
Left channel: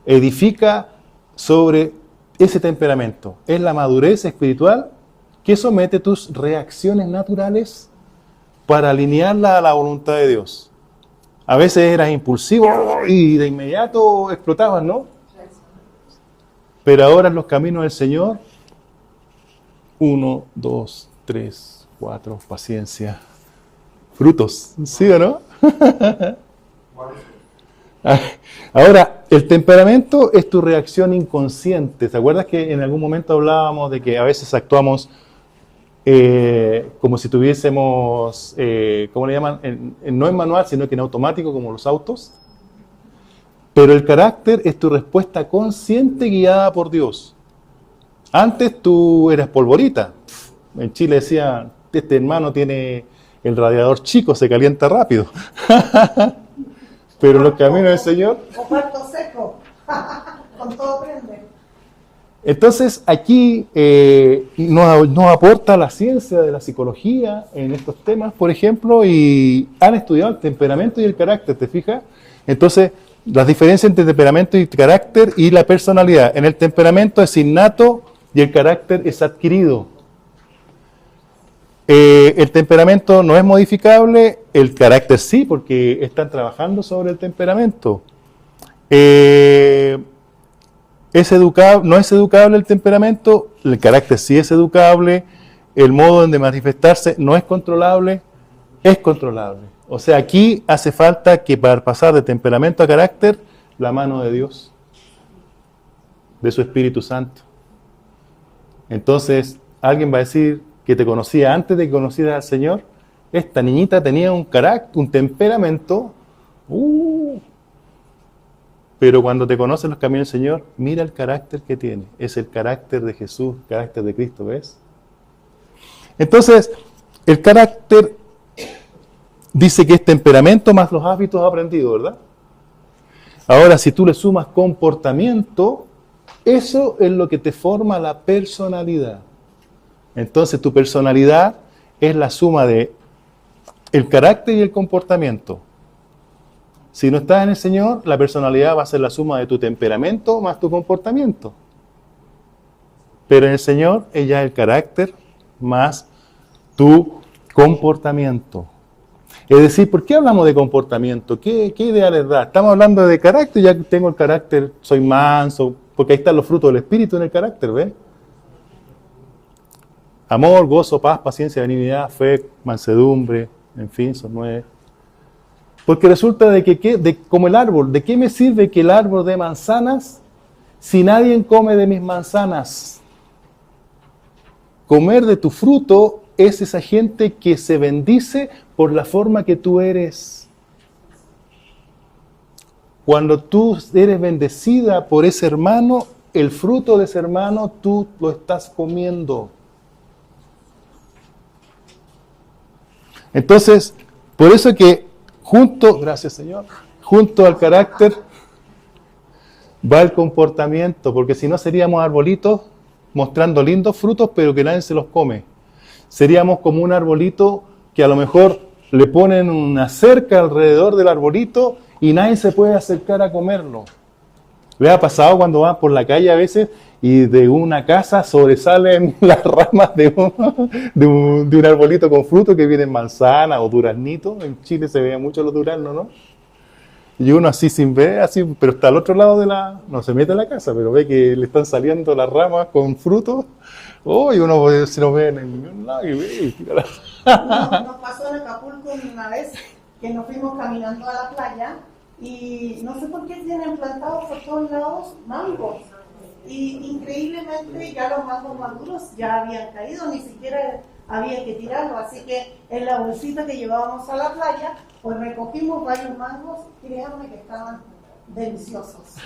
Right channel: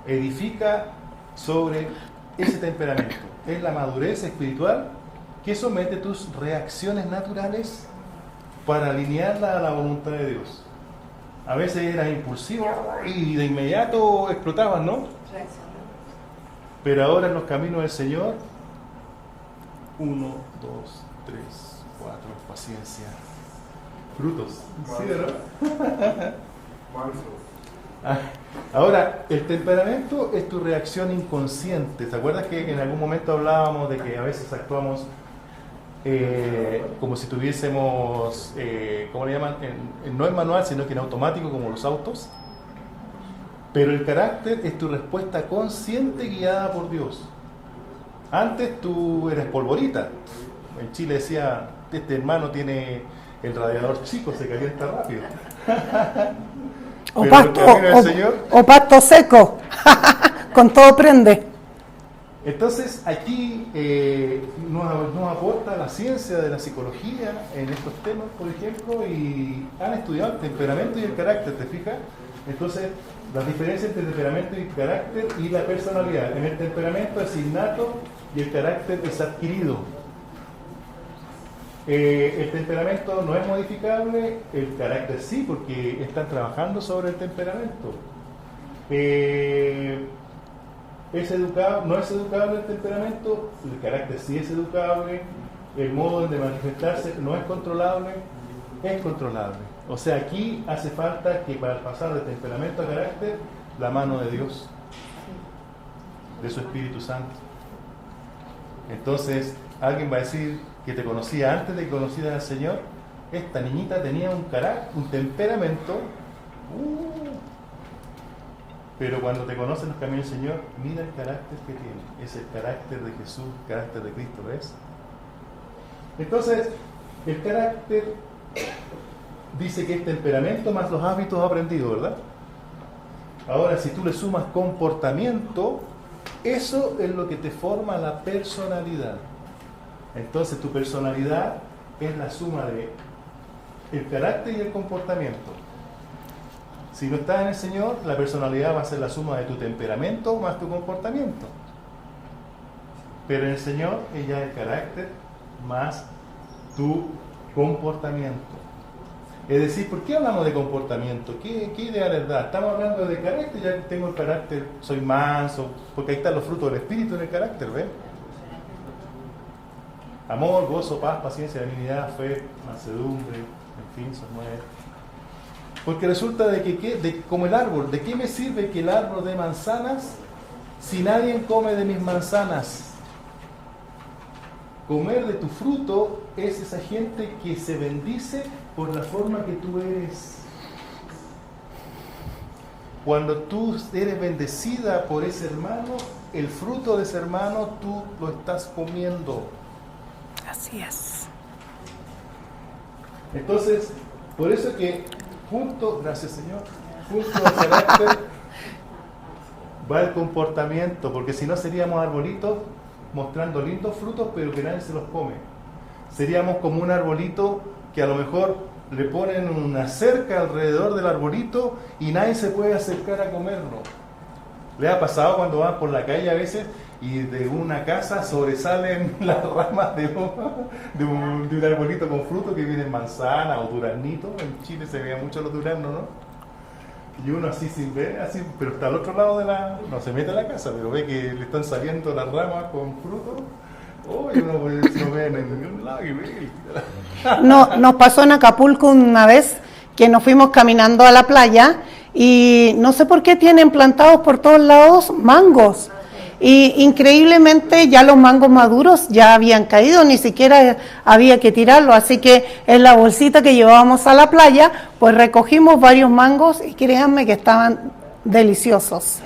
edifica sobre ese temperamento. Es la madurez espiritual que somete tus reacciones naturales para alinearla a la voluntad de Dios. A veces eras impulsivo y de inmediato explotabas, ¿no? Pero ahora en los caminos del Señor, 1, 2, 3, 4, paciencia. Frutos, ¿sí o no? Ahora, el temperamento es tu reacción inconsciente. ¿Te acuerdas que en algún momento hablábamos de que a veces actuamos como si tuviésemos, ¿cómo le llaman? No en manual, sino que en automático, como los autos? Pero el carácter es tu respuesta consciente guiada por Dios. Antes tú eras polvorita. En Chile decían, este hermano tiene el radiador chico, se calienta rápido. Pero los caminos del Señor... O pasto seco, con todo prende. Entonces aquí nos aporta la ciencia de la psicología en estos temas, por ejemplo, y han estudiado el temperamento y el carácter, ¿te fijas? Entonces, las diferencias entre temperamento y carácter y la personalidad. En el temperamento es innato y el carácter es adquirido. El temperamento no es modificable, el carácter sí, porque están trabajando sobre el temperamento. No es educable el temperamento, el carácter sí es educable, el modo de manifestarse no es controlable, es controlable. O sea, aquí hace falta que para pasar de temperamento a carácter, la mano de Dios, de su Espíritu Santo. Entonces, alguien va a decir que te conocía antes de que conocieras al Señor. Esta niñita tenía un carácter, un temperamento, pero cuando te conocen los caminos del Señor, mira el carácter que tiene. Es el carácter de Jesús, el carácter de Cristo, ¿ves? Entonces, el carácter dice que es temperamento más los hábitos aprendidos, ¿verdad? Ahora, si tú le sumas comportamiento, eso es lo que te forma la personalidad. Entonces, tu personalidad es la suma de el carácter y el comportamiento. Si no estás en el Señor, la personalidad va a ser la suma de tu temperamento más tu comportamiento. Pero en el Señor, ella es el carácter más tu comportamiento. Es decir, ¿por qué hablamos de comportamiento? ¿Qué idea les da? Estamos hablando de carácter, ya tengo el carácter, soy manso, porque ahí están los frutos del Espíritu en el carácter, ¿ven? Amor, gozo, paz, paciencia, benignidad, fe, mansedumbre, en fin, son 9. Porque resulta como el árbol, ¿de qué me sirve que el árbol dé manzanas si nadie come de mis manzanas? Comer de tu fruto es esa gente que se bendice por la forma que tú eres. Cuando tú eres bendecida por ese hermano, el fruto de ese hermano tú lo estás comiendo. Así es. Entonces, por eso que gracias Señor, junto al carácter va el comportamiento, porque si no seríamos arbolitos mostrando lindos frutos, pero que nadie se los come. Seríamos como un arbolito que a lo mejor le ponen una cerca alrededor del arbolito y nadie se puede acercar a comerlo. ¿Le ha pasado cuando van por la calle a veces y de una casa sobresalen las ramas de un arbolito con fruto que vienen manzana o duraznito? En Chile se veían mucho los duraznos, ¿no? Y uno así sin ver, así, pero está al otro lado no se mete a la casa, pero ve que le están saliendo las ramas con fruto. Oh, y uno si no ve en ningún lado, No, nos pasó en Acapulco una vez que nos fuimos caminando a la playa y no sé por qué tienen plantados por todos lados mangos. Y increíblemente ya los mangos maduros ya habían caído, ni siquiera había que tirarlos, así que en la bolsita que llevábamos a la playa, pues recogimos varios mangos y créanme que estaban deliciosos.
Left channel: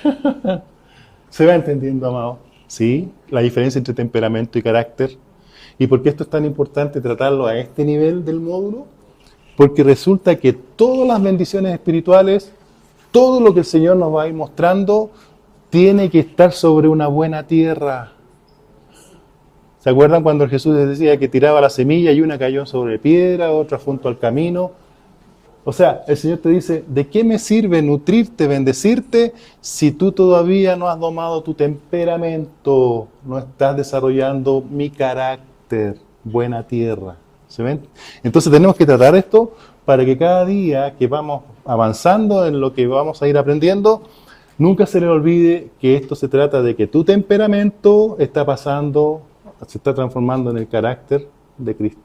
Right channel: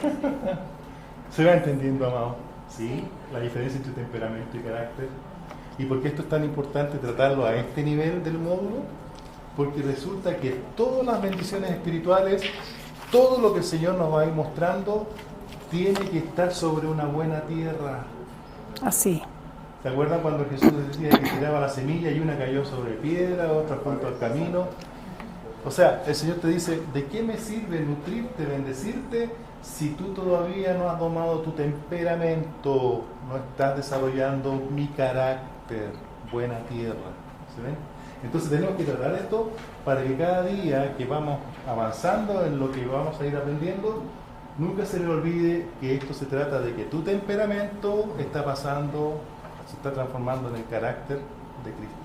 ¿Se va entendiendo, amado? Sí, la diferencia entre temperamento y carácter. ¿Y por qué esto es tan importante tratarlo a este nivel del módulo? Porque resulta que todas las bendiciones espirituales, todo lo que el Señor nos va a ir mostrando, tiene que estar sobre una buena tierra. Así. ¿Se acuerdan cuando Jesús les decía que tiraba la semilla y una cayó sobre piedra, otra junto al camino? O sea, el Señor te dice, ¿de qué me sirve nutrirte, bendecirte, si tú todavía no has domado tu temperamento, no estás desarrollando mi carácter, buena tierra? ¿Se ven? Entonces tenemos que tratar esto para que cada día que vamos avanzando en lo que vamos a ir aprendiendo, nunca se le olvide que esto se trata de que tu temperamento se está transformando en el carácter de Cristo.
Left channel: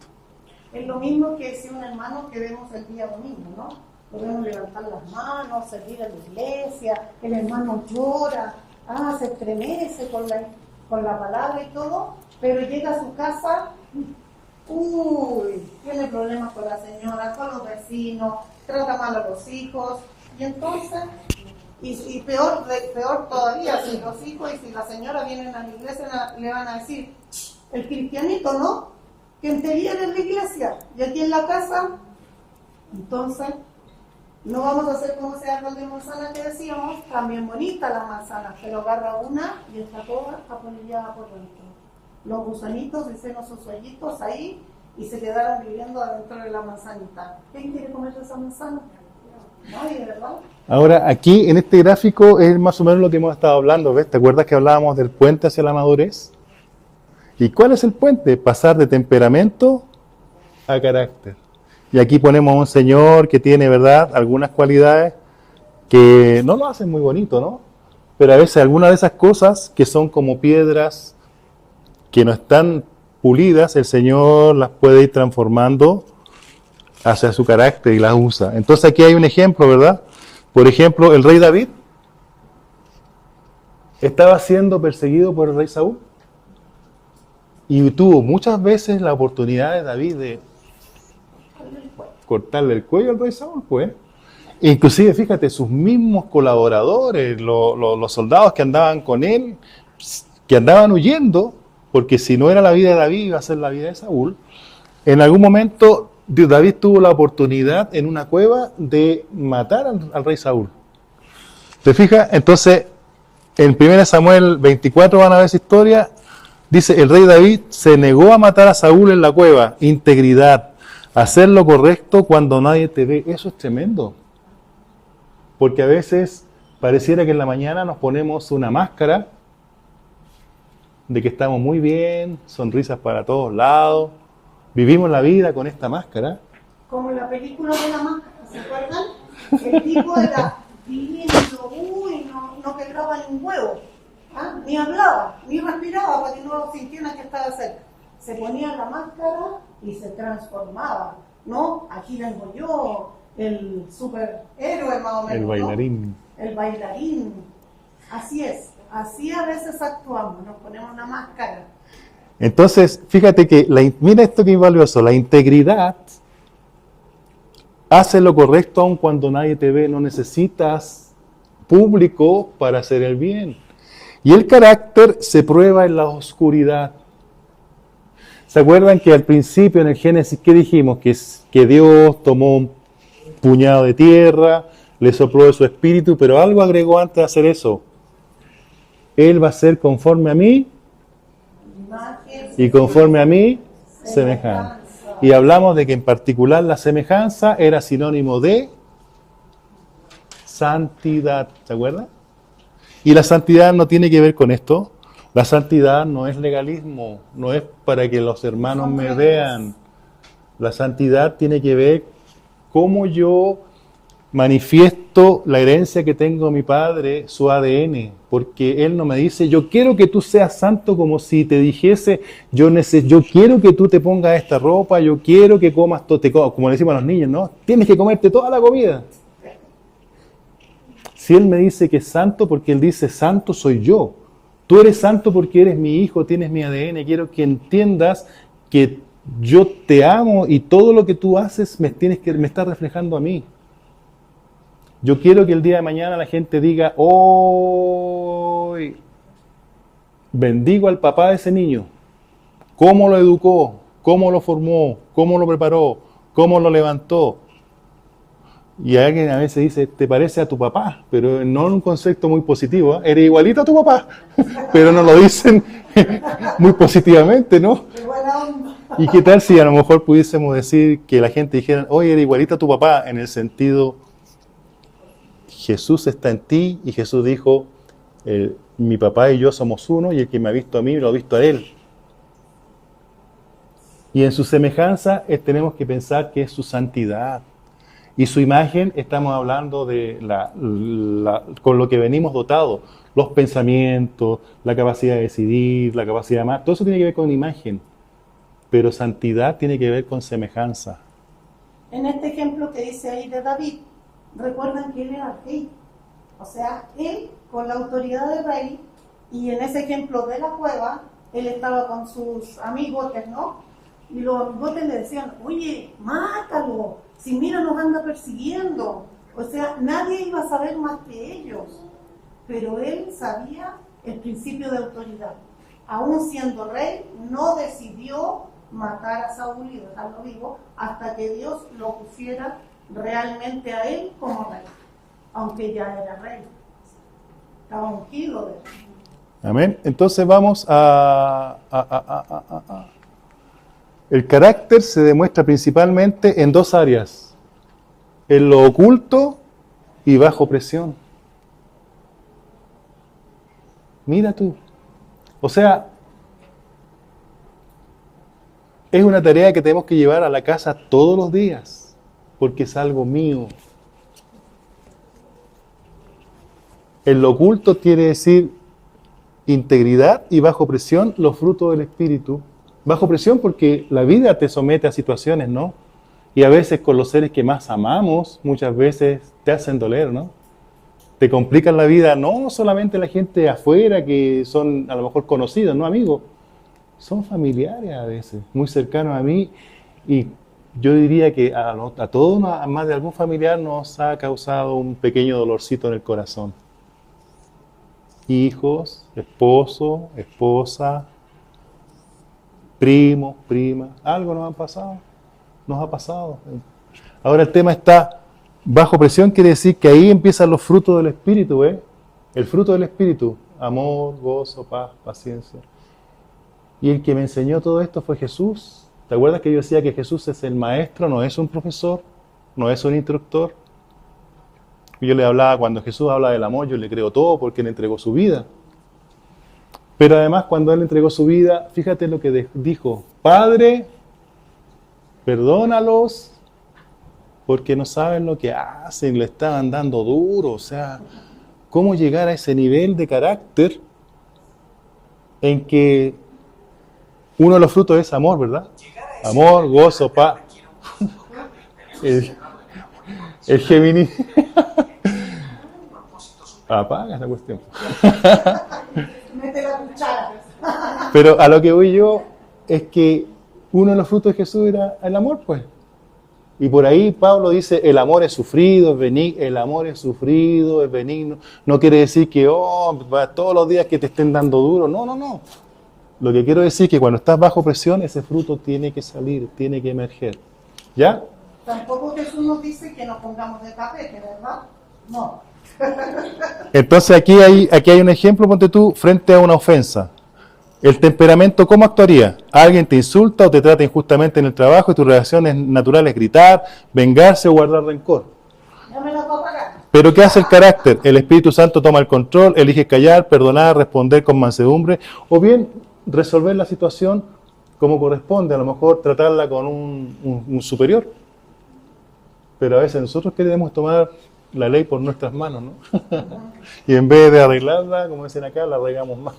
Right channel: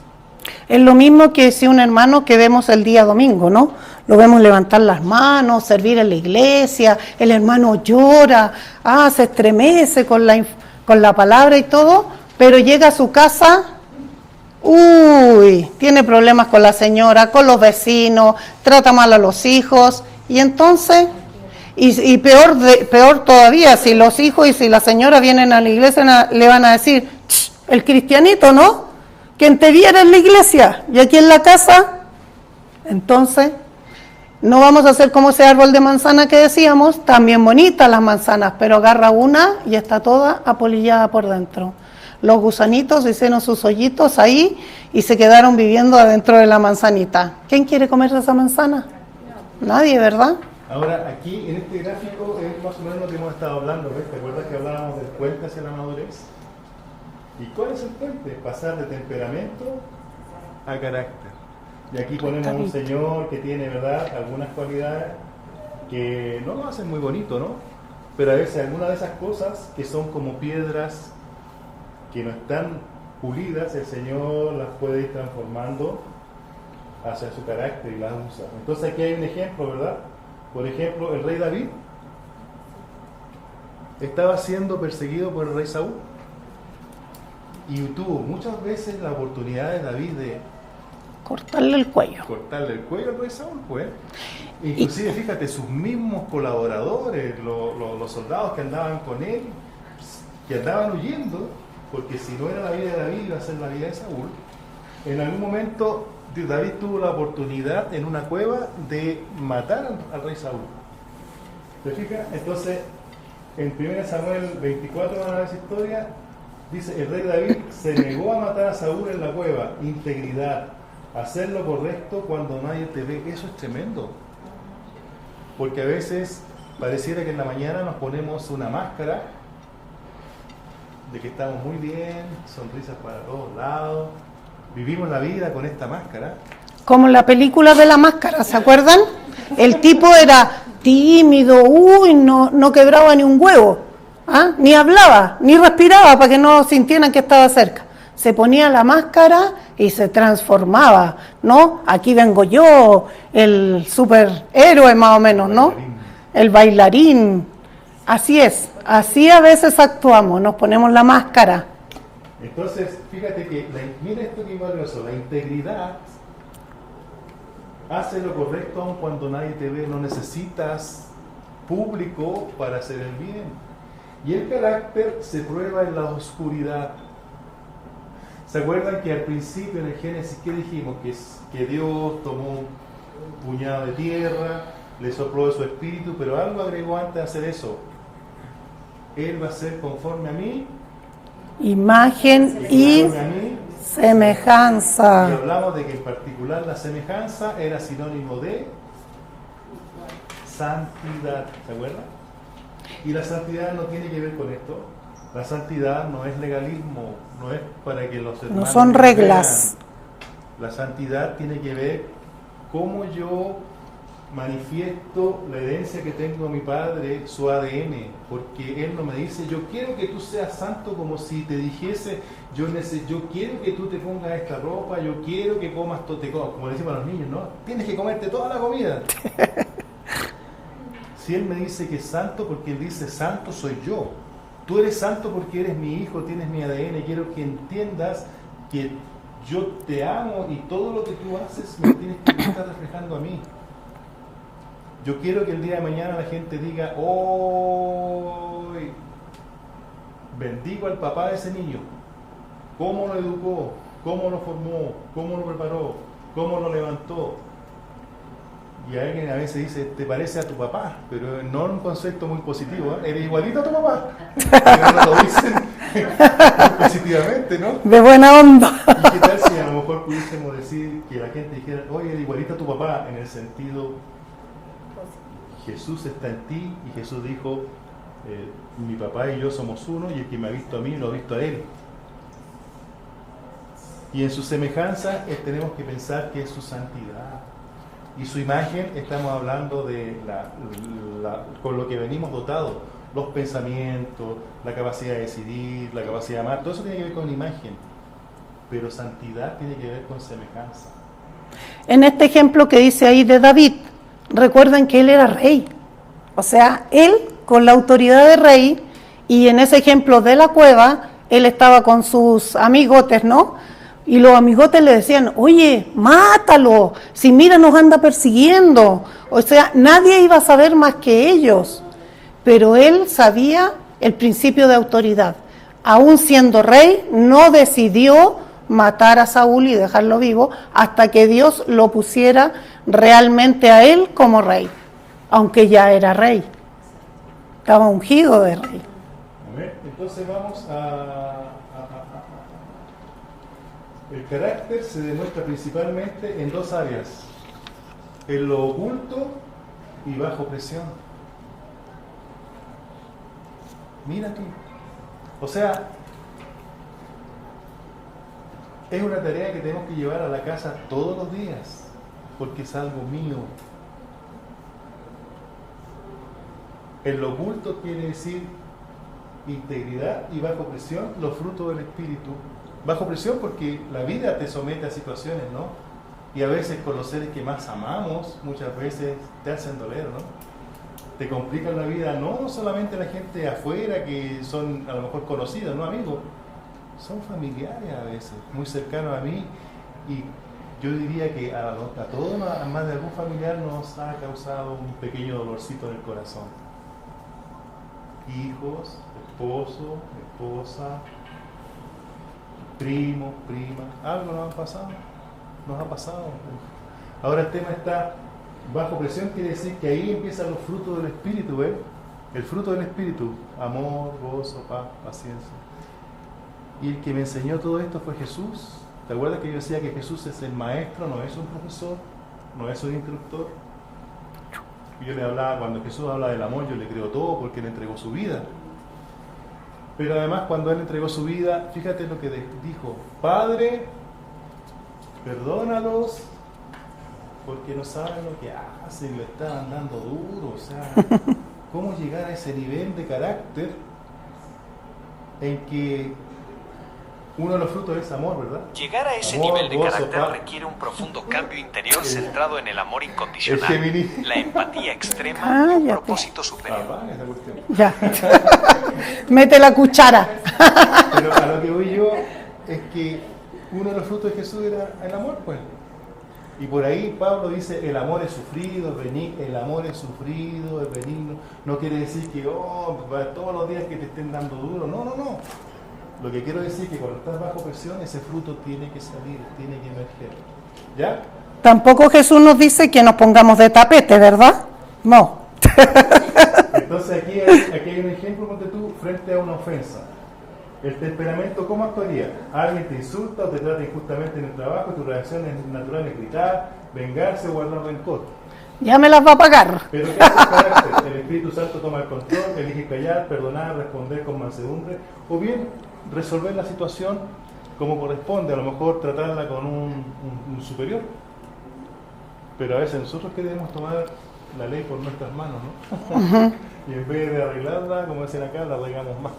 Es lo mismo que si un hermano que vemos el día domingo, ¿no? Lo vemos levantar las manos, servir en la iglesia, el hermano llora, se estremece con la palabra y todo, pero llega a su casa, tiene problemas con la señora, con los vecinos, trata mal a los hijos, y entonces... Y peor todavía, si los hijos y si la señora vienen a la iglesia, le van a decir, el cristianito, ¿no? Quien te viera en la iglesia y aquí en la casa. Entonces, no vamos a hacer como ese árbol de manzana que decíamos, también bonitas las manzanas, pero agarra una y está toda apolillada por dentro. Los gusanitos hicieron sus hoyitos ahí y se quedaron viviendo adentro de la manzanita. ¿Quién quiere comerse esa manzana? Nadie, ¿verdad? Ahora, aquí en este gráfico es más o menos lo que hemos estado hablando, ¿ves? ¿Te acuerdas que hablábamos del puente hacia la madurez? ¿Y cuál es el puente? Pasar de temperamento a carácter. Y aquí ponemos un señor que tiene, ¿verdad?, algunas cualidades que no lo hacen muy bonito, ¿no? Pero a veces algunas de esas cosas que son como piedras que no están pulidas, el Señor las puede ir transformando hacia su carácter y las usa. Entonces aquí hay un ejemplo, ¿verdad? Por ejemplo, el rey David estaba siendo perseguido por el rey Saúl y tuvo muchas veces la oportunidad de David de cortarle el cuello al rey Saúl, pues. Inclusive, fíjate, sus mismos colaboradores, los soldados que andaban con él, que andaban huyendo, porque si no era la vida de David, iba a ser la vida de Saúl. En algún momento David tuvo la oportunidad en una cueva de matar al rey Saúl. ¿Te fijas? Entonces, en 1 Samuel 24 van a ver esa historia. Dice, el rey David se negó a matar a Saúl en la cueva. Integridad, hacer lo correcto cuando nadie te ve. Eso es tremendo. Porque a veces pareciera que en la mañana nos ponemos una máscara de que estamos muy bien, sonrisas para todos lados. Vivimos la vida con esta máscara. Como la película de la máscara, ¿se acuerdan? El tipo era tímido, no quebraba ni un huevo, ni hablaba, ni respiraba para que no sintieran que estaba cerca. se ponía la máscara y se transformaba, ¿no? Aquí vengo yo, el superhéroe más o menos, ¿no? El bailarín. Así es, así a veces actuamos, nos ponemos la máscara. Entonces, fíjate que, mira esto que es valioso, la integridad hace lo correcto aun cuando nadie te ve, no necesitas público para hacer el bien. Y el carácter se prueba en la oscuridad. ¿Se acuerdan que al principio en el Génesis, qué dijimos? Que Dios tomó un puñado de tierra, le sopló de su espíritu, pero algo agregó antes de hacer eso. Él va a ser conforme a mí, imagen y conforme a mí, semejanza. Y hablamos de que en particular la semejanza era sinónimo de santidad, ¿se acuerdan? Y la santidad no tiene que ver con esto. La santidad no es legalismo, no es para que los hermanos no son reglas. vean. La santidad tiene que ver cómo yo manifiesto la herencia que tengo de mi padre, su ADN, porque él no me dice, yo quiero que tú seas santo, como si te dijese, yo quiero que tú te pongas esta ropa, yo quiero que comas como le decimos a los niños, ¿no? Tienes que comerte toda la comida. Si él me dice que es santo, porque él dice, santo soy yo. Tú eres santo porque eres mi hijo, tienes mi ADN, quiero que entiendas que yo te amo y todo lo que tú haces me está reflejando a mí. Yo quiero que el día de mañana la gente diga, hoy bendigo al papá de ese niño, cómo lo educó, cómo lo formó, cómo lo preparó, cómo lo levantó. Y alguien a veces dice, te parece a tu papá, pero no en un concepto muy positivo, ¿eh? Eres igualito a tu papá, pero no lo dicen muy positivamente, ¿no? De buena onda. ¿Y qué tal si a lo mejor pudiésemos decir que la gente dijera, oye, eres igualito a tu papá, en el sentido, Jesús está en ti, y Jesús dijo, mi papá y yo somos uno, y el que me ha visto a mí, lo ha visto a él. Y en su semejanza tenemos que pensar que es su santidad. Y su imagen, estamos hablando de con lo que venimos dotados, los pensamientos, la capacidad de decidir, la capacidad de amar, todo eso tiene que ver con imagen, pero santidad tiene que ver con semejanza. En este ejemplo que dice ahí de David, recuerden que él era rey, o sea, él con la autoridad de rey, y en ese ejemplo de la cueva, él estaba con sus amigotes, ¿no? Y los amigotes le decían, oye, mátalo, si mira nos anda persiguiendo. O sea, nadie iba a saber más que ellos. Pero él sabía el principio de autoridad. Aún siendo rey, no decidió matar a Saúl y dejarlo vivo hasta que Dios lo pusiera realmente a él como rey. Aunque ya era rey. Estaba ungido de rey. Amén. Entonces vamos el carácter se demuestra principalmente en dos áreas, en lo oculto y bajo presión. Mira tú. O sea, es una tarea que tenemos que llevar a la casa todos los días, porque es algo mío. En lo oculto quiere decir integridad, y bajo presión los frutos del Espíritu. Bajo presión porque la vida te somete a situaciones, ¿no? Y a veces con los seres que más amamos, muchas veces te hacen doler, ¿no? Te complican la vida, no solamente la gente de afuera que son a lo mejor conocidos, ¿no? Amigos, son familiares a veces, muy cercanos a mí, y yo diría que a todos, a más de algún familiar, nos ha causado un pequeño dolorcito en el corazón. Hijos, esposo, esposa, primos, primas, algo nos ha pasado. Ahora el tema está bajo presión, quiere decir que ahí empiezan los frutos del Espíritu, ¿eh? El fruto del Espíritu, amor, gozo, paz, paciencia. Y el que me enseñó todo esto fue Jesús. ¿Te acuerdas que yo decía que Jesús es el maestro, no es un profesor, no es un instructor? Y yo le hablaba, cuando Jesús habla del amor, yo le creo todo porque Él entregó su vida. Pero además cuando Él entregó su vida, fíjate lo que dijo, Padre, perdónalos porque no saben lo que hacen, le estaban dando duro. O sea, ¿cómo llegar a ese nivel de carácter en que Uno de los frutos es amor, ¿verdad? Llegar a ese Amor, nivel de gozo, carácter paz. requiere un profundo cambio interior El- centrado en el amor El incondicional, Géminis. la empatía extrema y un ya propósito superior. Apaga esa cuestión. Ya. Mete la cuchara. Pero a lo que voy yo es que uno de los frutos de Jesús era el amor, pues. Y por ahí Pablo dice, el amor es sufrido, es benigno. El amor es sufrido, es benigno. No quiere decir que, todos los días que te estén dando duro. No, no, no. Lo que quiero decir es que cuando estás bajo presión, ese fruto tiene que salir, tiene que emerger. ¿Ya? Tampoco Jesús nos dice que nos pongamos de tapete, ¿verdad? No. Entonces aquí hay un ejemplo, ponte tú, frente a una ofensa. El temperamento, ¿cómo actuaría? Alguien te insulta o te trata injustamente en el trabajo y tu reacción es natural es gritar, vengarse o guardar rencor. Ya me las va a pagar. Pero ¿qué hace el carácter? El Espíritu Santo toma el control, elige callar, perdonar, responder con mansedumbre, o bien resolver la situación como corresponde, a lo mejor tratarla con un superior. Pero a veces nosotros queremos tomar la ley por nuestras manos, ¿no? Y en vez de arreglarla, como dicen acá, la arreglamos más.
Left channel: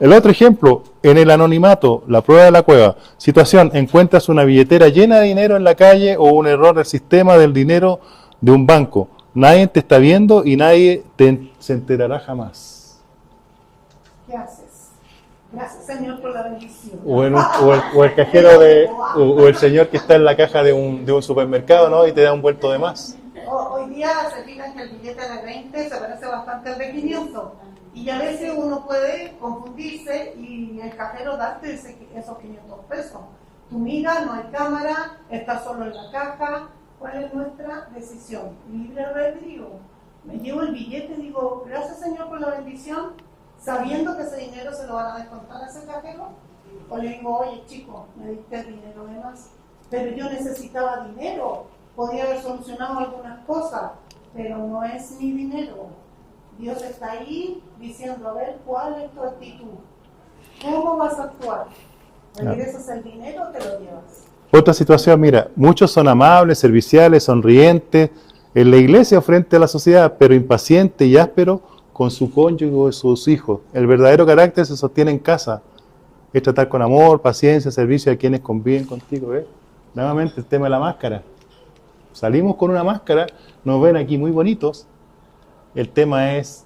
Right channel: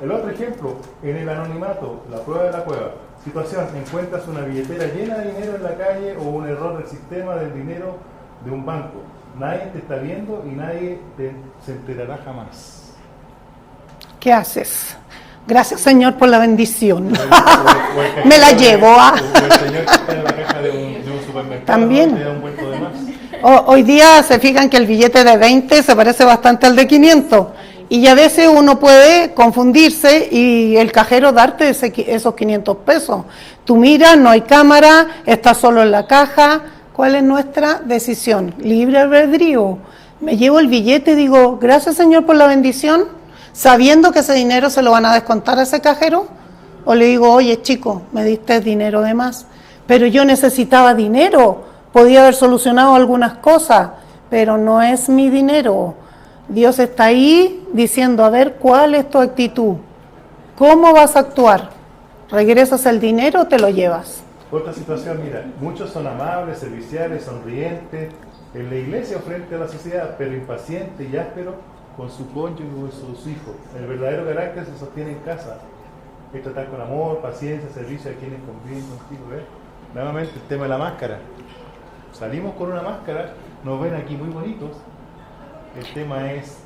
El otro ejemplo, en el anonimato, la prueba de la cueva. Situación, encuentras una billetera llena de dinero en la calle o un error del sistema del dinero de un banco. Nadie te está viendo y nadie se enterará jamás. ¿Qué haces? Gracias, Señor, por la bendición. O el cajero Me la llevo, o el señor que está en la caja de un supermercado, ¿no? También. Y te da un vuelto de más. Hoy día se fijan que el billete de 20 se parece bastante al de 500. Y a veces uno puede confundirse y el cajero darte esos 500 pesos. Tú miras, no hay cámara, está solo en la caja. ¿Cuál es nuestra decisión? Libre albedrío. Me llevo el billete y digo, gracias, Señor, por la bendición, sabiendo que ese dinero se lo van a descontar a ese cajero. O le digo, oye, chico, me diste dinero de más, pero yo necesitaba dinero. Podía haber solucionado algunas cosas, pero no es mi dinero. Dios está ahí diciendo, a ver, ¿cuál es tu actitud? ¿Cómo vas a actuar? ¿Regresas el dinero o te lo llevas? Otra situación, mira, muchos son amables, serviciales, sonrientes en la iglesia o frente a la sociedad, pero impaciente y áspero con su cónyuge o sus hijos. El verdadero carácter se sostiene en casa. Es tratar con amor, paciencia, servicio a quienes conviven contigo. Nuevamente el tema de la máscara. Salimos con una máscara, nos ven aquí muy bonitos. El tema es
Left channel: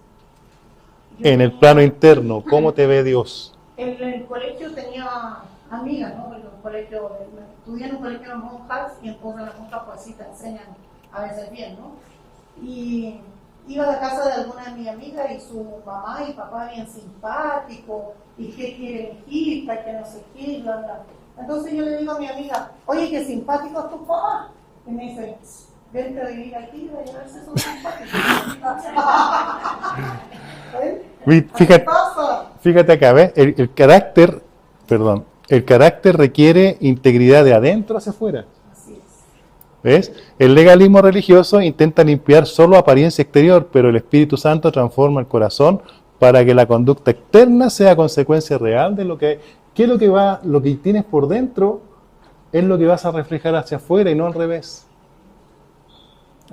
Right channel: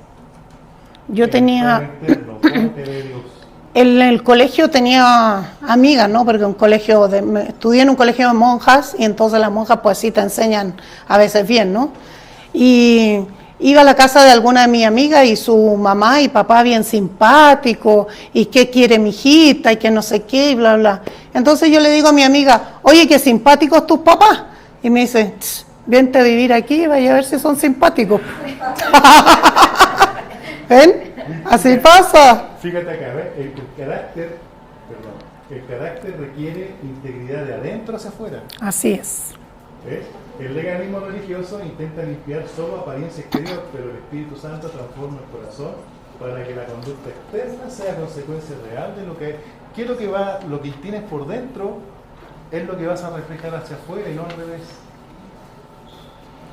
el plano interno, ¿cómo te ve Dios? En el colegio tenía amigas, ¿no? Porque estudié en un colegio de monjas y entonces las monjas pues sí te enseñan a veces bien, ¿no? Y iba a la casa de alguna de mis amigas y su mamá y papá bien simpático y qué quiere mi hijita y que no sé qué y bla, bla. Entonces yo le digo a mi amiga, oye, qué simpáticos tus papás. Y me dice, vente a vivir aquí y vaya a ver si son simpáticos. ¿Ven? Así pasa. Fíjate acá, ¿ves? El carácter requiere integridad de adentro hacia afuera. Así es. ¿Ves? El legalismo religioso intenta limpiar solo apariencia exterior, pero el Espíritu Santo transforma el corazón para que la conducta externa sea consecuencia real de lo que lo que tienes por dentro es lo que vas a reflejar hacia afuera y no al revés.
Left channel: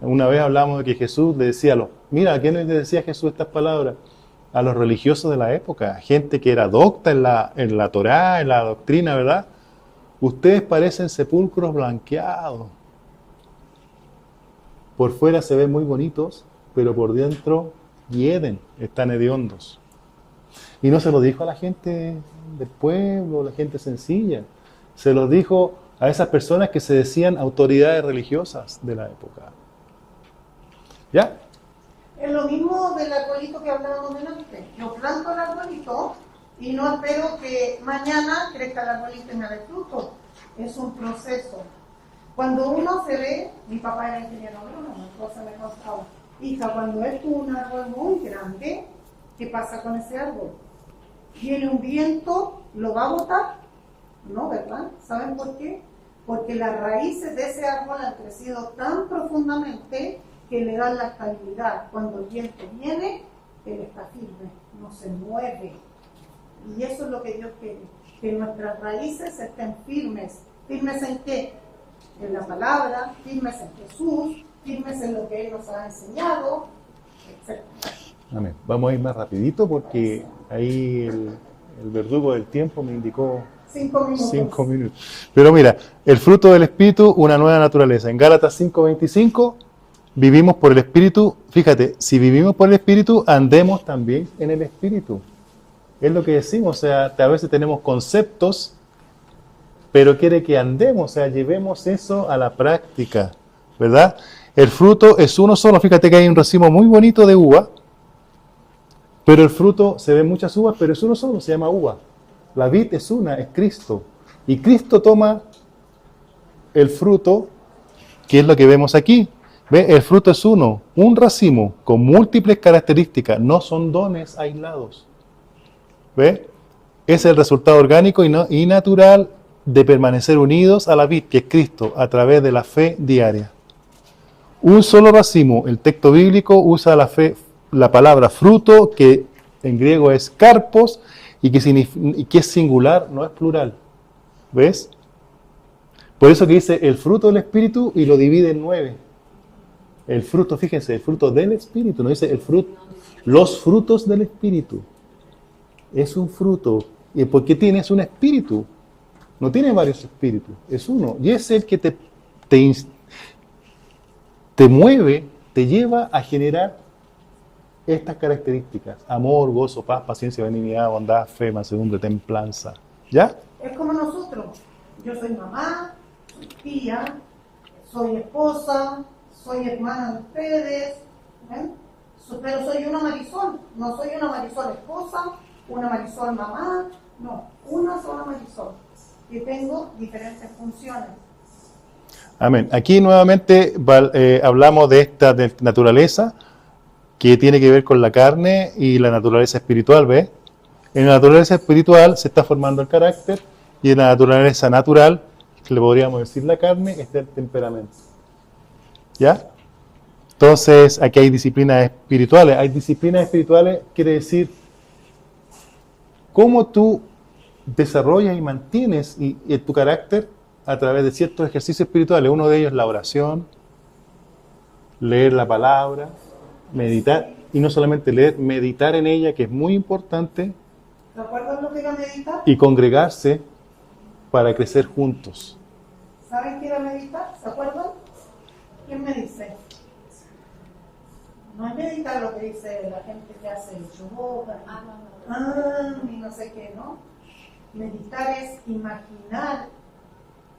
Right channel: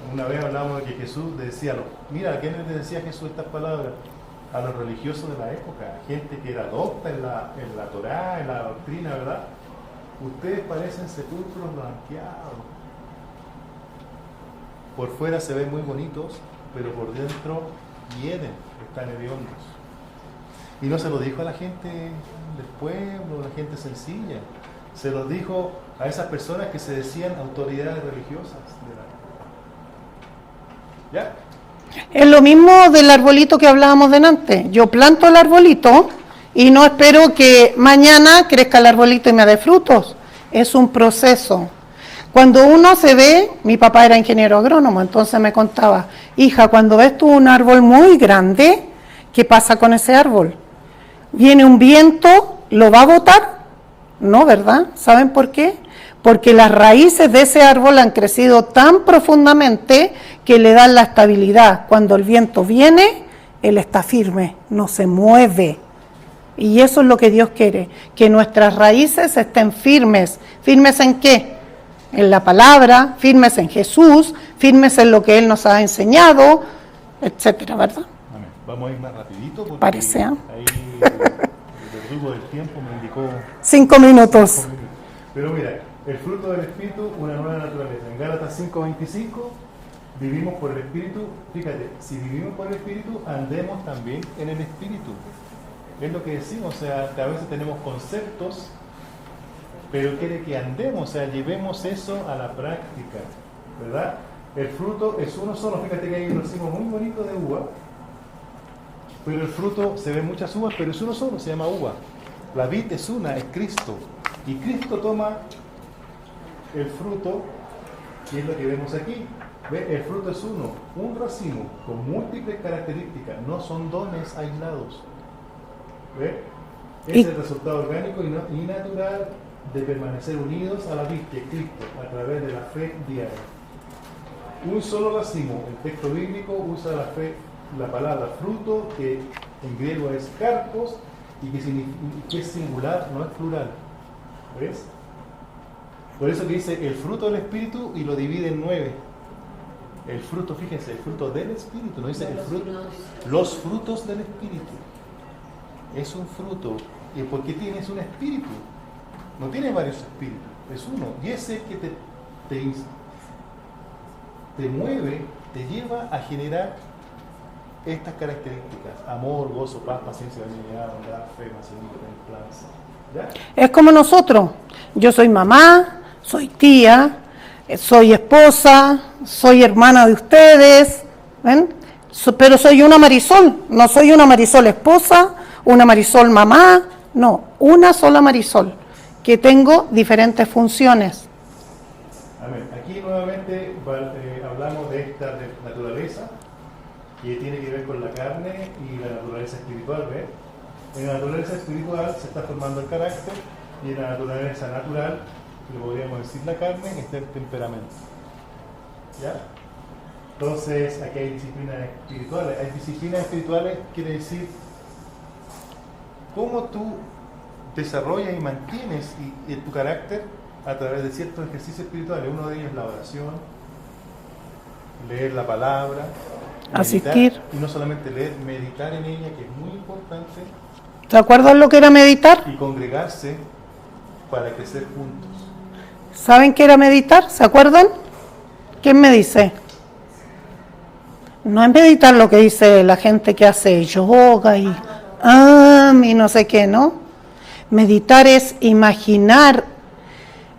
Una vez hablamos de que Jesús le decía mira, ¿a quién le decía Jesús estas palabras? A los religiosos de la época, gente que era docta en la Torá, en la doctrina, ¿verdad? Ustedes parecen sepulcros blanqueados. Por fuera se ven muy bonitos, pero por dentro hieden, están hediondos. Y no se lo dijo a la gente del pueblo, a la gente sencilla. Se lo dijo a esas personas que se decían autoridades religiosas de la época. ¿Ya? Es lo mismo del arbolito que hablábamos delante. Yo planto el arbolito y no espero que mañana crezca el arbolito y me dé frutos. Es un proceso. Cuando uno se ve, mi papá era ingeniero agrónomo, entonces me contaba, hija, cuando ves tú un árbol muy grande, ¿qué pasa con ese árbol? ¿Viene un viento? ¿Lo va a botar? No, ¿verdad? ¿Saben por qué? Porque las raíces de ese árbol han crecido tan profundamente que le dan la estabilidad. Cuando el viento viene, él está firme, no se mueve. Y eso es lo que Dios quiere, que nuestras raíces estén firmes. ¿Firmes en qué? En la palabra, firmes en Jesús, firmes en lo que Él nos ha enseñado, etcétera, ¿verdad? Amén. Vamos a ir más rapidito porque Parece, ahí El verdugo del tiempo me indicó 5 minutos. 5 minutos. Pero mira, el fruto del Espíritu, una nueva naturaleza. En Gálatas 5:25, vivimos por el Espíritu. Fíjate, si vivimos por el Espíritu, andemos también en el Espíritu. Es lo que decimos, o sea, a veces tenemos conceptos, pero quiere que andemos, o sea, llevemos eso a la práctica, ¿verdad? El fruto es uno solo. Fíjate que hay un racimo muy bonito de uva, pero el fruto, se ven muchas uvas, pero es uno solo, se llama uva. La vid es una, es Cristo. Y Cristo toma el fruto, que es lo que vemos aquí. ¿Ve? El fruto es uno, un racimo con múltiples características, no son dones aislados. ¿Ve? Es el resultado orgánico y natural de permanecer unidos a la vid, que es Cristo, a través de la fe diaria. Un solo racimo. El texto bíblico usa la palabra fruto, que en griego es karpos, y que es singular, no es plural. ¿Ves? Por eso que dice el fruto del Espíritu y lo divide en 9. El fruto, fíjense, el fruto del Espíritu, no dice el fruto, los frutos del Espíritu. Es un fruto. ¿Y por qué tienes un espíritu? No tienes varios espíritus, es uno. Y es el que te mueve, te lleva a generar estas características: amor, gozo, paz, paciencia, benignidad, bondad, fe, mansedumbre, templanza. ¿Ya? Es como nosotros. Yo soy mamá, soy tía, soy esposa, soy hermana de ustedes, ¿ven? Pero soy una Marisol, no soy una Marisol esposa, una Marisol mamá, no, una sola Marisol, que tengo diferentes funciones. Amén. Aquí nuevamente hablamos de esta naturaleza que tiene que ver con la carne y la naturaleza espiritual, ¿ves? En la naturaleza espiritual se está formando el carácter, y en la naturaleza natural, que le podríamos decir la carne, está el temperamento. ¿Ya? Entonces, aquí hay disciplinas espirituales. Hay disciplinas espirituales, quiere decir cómo tú desarrollas y mantienes tu carácter a través de ciertos ejercicios espirituales. Uno de ellos es la oración, leer la palabra, meditar, asistir. y no solamente leer, meditar en ella, que es muy importante. ¿Te acuerdas lo que era meditar? Y congregarse para crecer juntos. ¿Saben qué era meditar? ¿Se acuerdan? ¿Quién me dice? No es meditar lo que dice la gente que hace yoga y no sé qué, ¿no? Meditar es imaginar,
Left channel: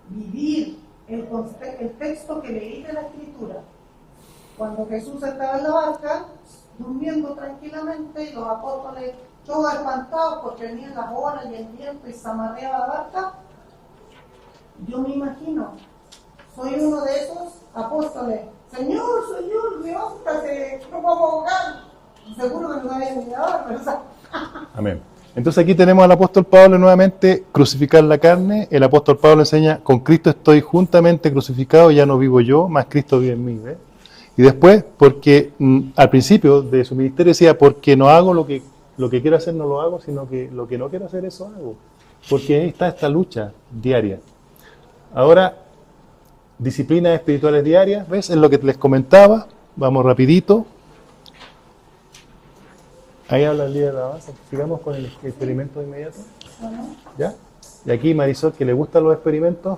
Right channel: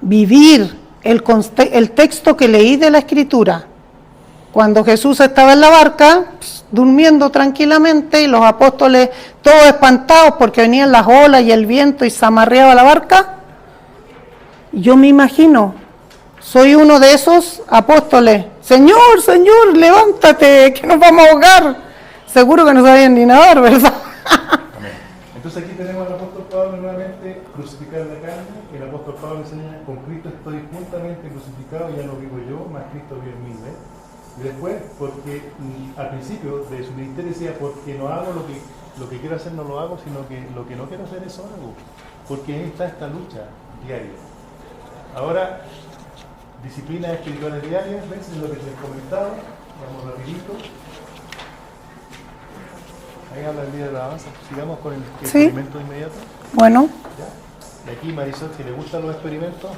vivir el texto que leí de la Escritura. Cuando Jesús estaba en la barca, durmiendo tranquilamente, y los apóstoles todos espantados porque venían las olas y el viento y se amarreaba la barca, yo me imagino, soy uno de esos apóstoles. Señor, Señor, levántate, que nos vamos a ahogar. Seguro que no sabían ni nadar, ¿verdad? Amén. Entonces aquí tenemos al apóstol Pablo nuevamente, crucificar la carne. El apóstol Pablo enseña: con Cristo estoy juntamente crucificado, ya no vivo yo, mas Cristo vive en mí. ¿Ves? Y después, porque al principio de su ministerio decía: porque no hago lo que quiero hacer, no lo hago, sino que lo que no quiero hacer, eso hago. Porque ahí está esta lucha diaria. Ahora, disciplinas espirituales diarias, ¿ves? Es lo que les comentaba. Vamos rapidito. Ahí habla el líder de la base. Sigamos con el experimento inmediato. Bueno. ¿Ya? Y aquí Marisol, que le gustan los experimentos.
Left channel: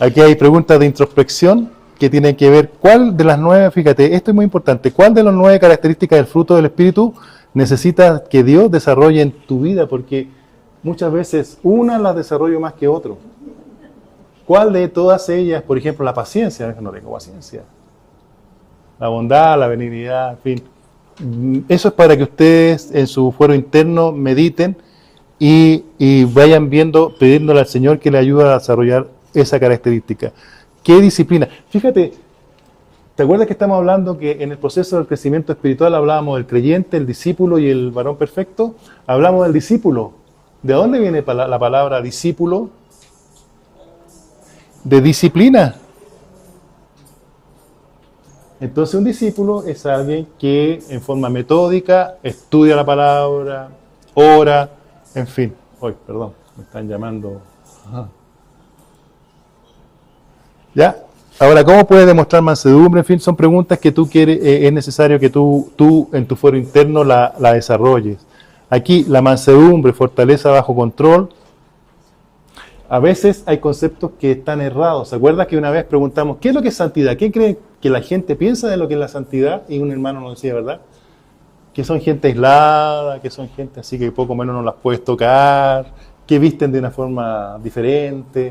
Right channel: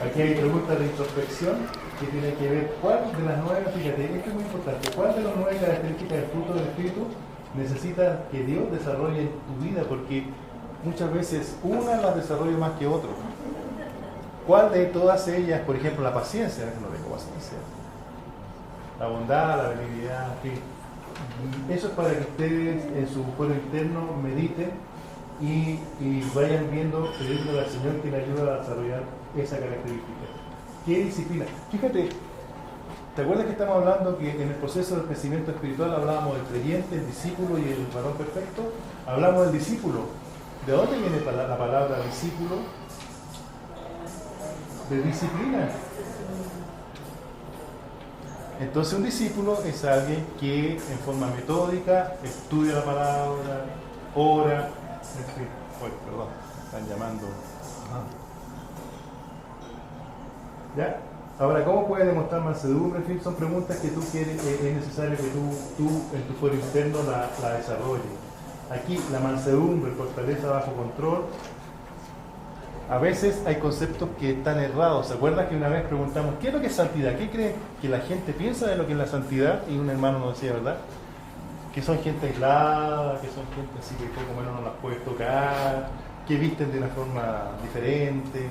Aquí hay preguntas de introspección que tienen que ver cuál de las 9, fíjate, esto es muy importante, cuál de las 9 características del fruto del Espíritu necesitas que Dios desarrolle en tu vida, porque muchas veces una las desarrollo más que otro. ¿Cuál de todas ellas, por ejemplo, la paciencia? No tengo paciencia. La bondad, la benignidad, en fin. Eso es para que ustedes en su fuero interno mediten y vayan viendo, pidiéndole al Señor que le ayude a desarrollar esa característica. ¿Qué disciplina? Fíjate, ¿te acuerdas que estamos hablando que en el proceso del crecimiento espiritual hablábamos del creyente, el discípulo y el varón perfecto? Hablamos del discípulo. ¿De dónde viene la palabra discípulo? De disciplina. Entonces un discípulo es alguien que en forma metódica estudia la palabra, ora, en fin. Perdón, me están llamando. ¿Ya? Ahora, ¿cómo puedes demostrar mansedumbre? En fin, son preguntas que tú quieres, es necesario que tú en tu fuero interno la desarrolles. Aquí la mansedumbre, fortaleza bajo control. A veces hay conceptos que están errados. ¿Se acuerda que una vez preguntamos, ¿qué es lo que es santidad? ¿Qué creen que la gente piensa de lo que es la santidad? Y un hermano nos decía, ¿verdad? Que son gente aislada, que son gente así que poco menos no las puedes tocar, que visten de una forma diferente.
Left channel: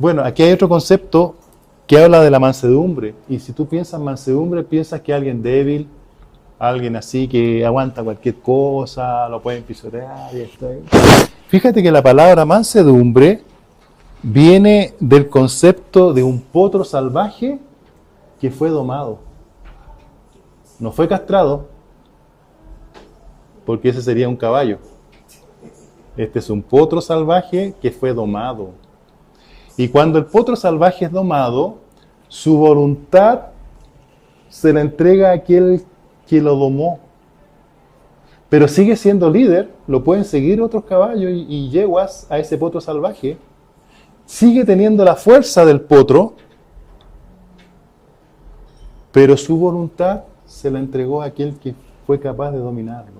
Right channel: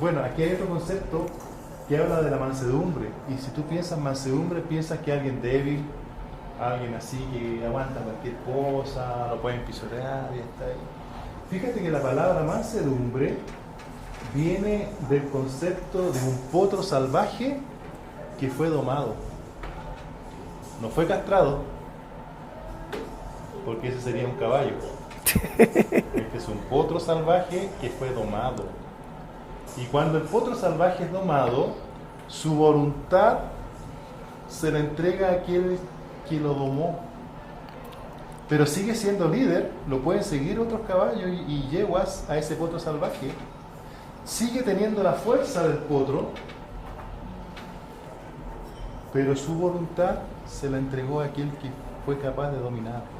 Bueno, aquí hay otro concepto que habla de la mansedumbre. Y si tú piensas mansedumbre, piensas que alguien débil, alguien así que aguanta cualquier cosa, lo pueden pisotear y está ahí. Fíjate que la palabra mansedumbre viene del concepto de un potro salvaje que fue domado. No fue castrado, porque ese sería un caballo. Este es un potro salvaje que fue domado. Y cuando el potro salvaje es domado, su voluntad se la entrega a aquel que lo domó. Pero sigue siendo líder, lo pueden seguir otros caballos y yeguas a ese potro salvaje. Sigue teniendo la fuerza del potro, pero su voluntad se la entregó a aquel que fue capaz de dominarlo.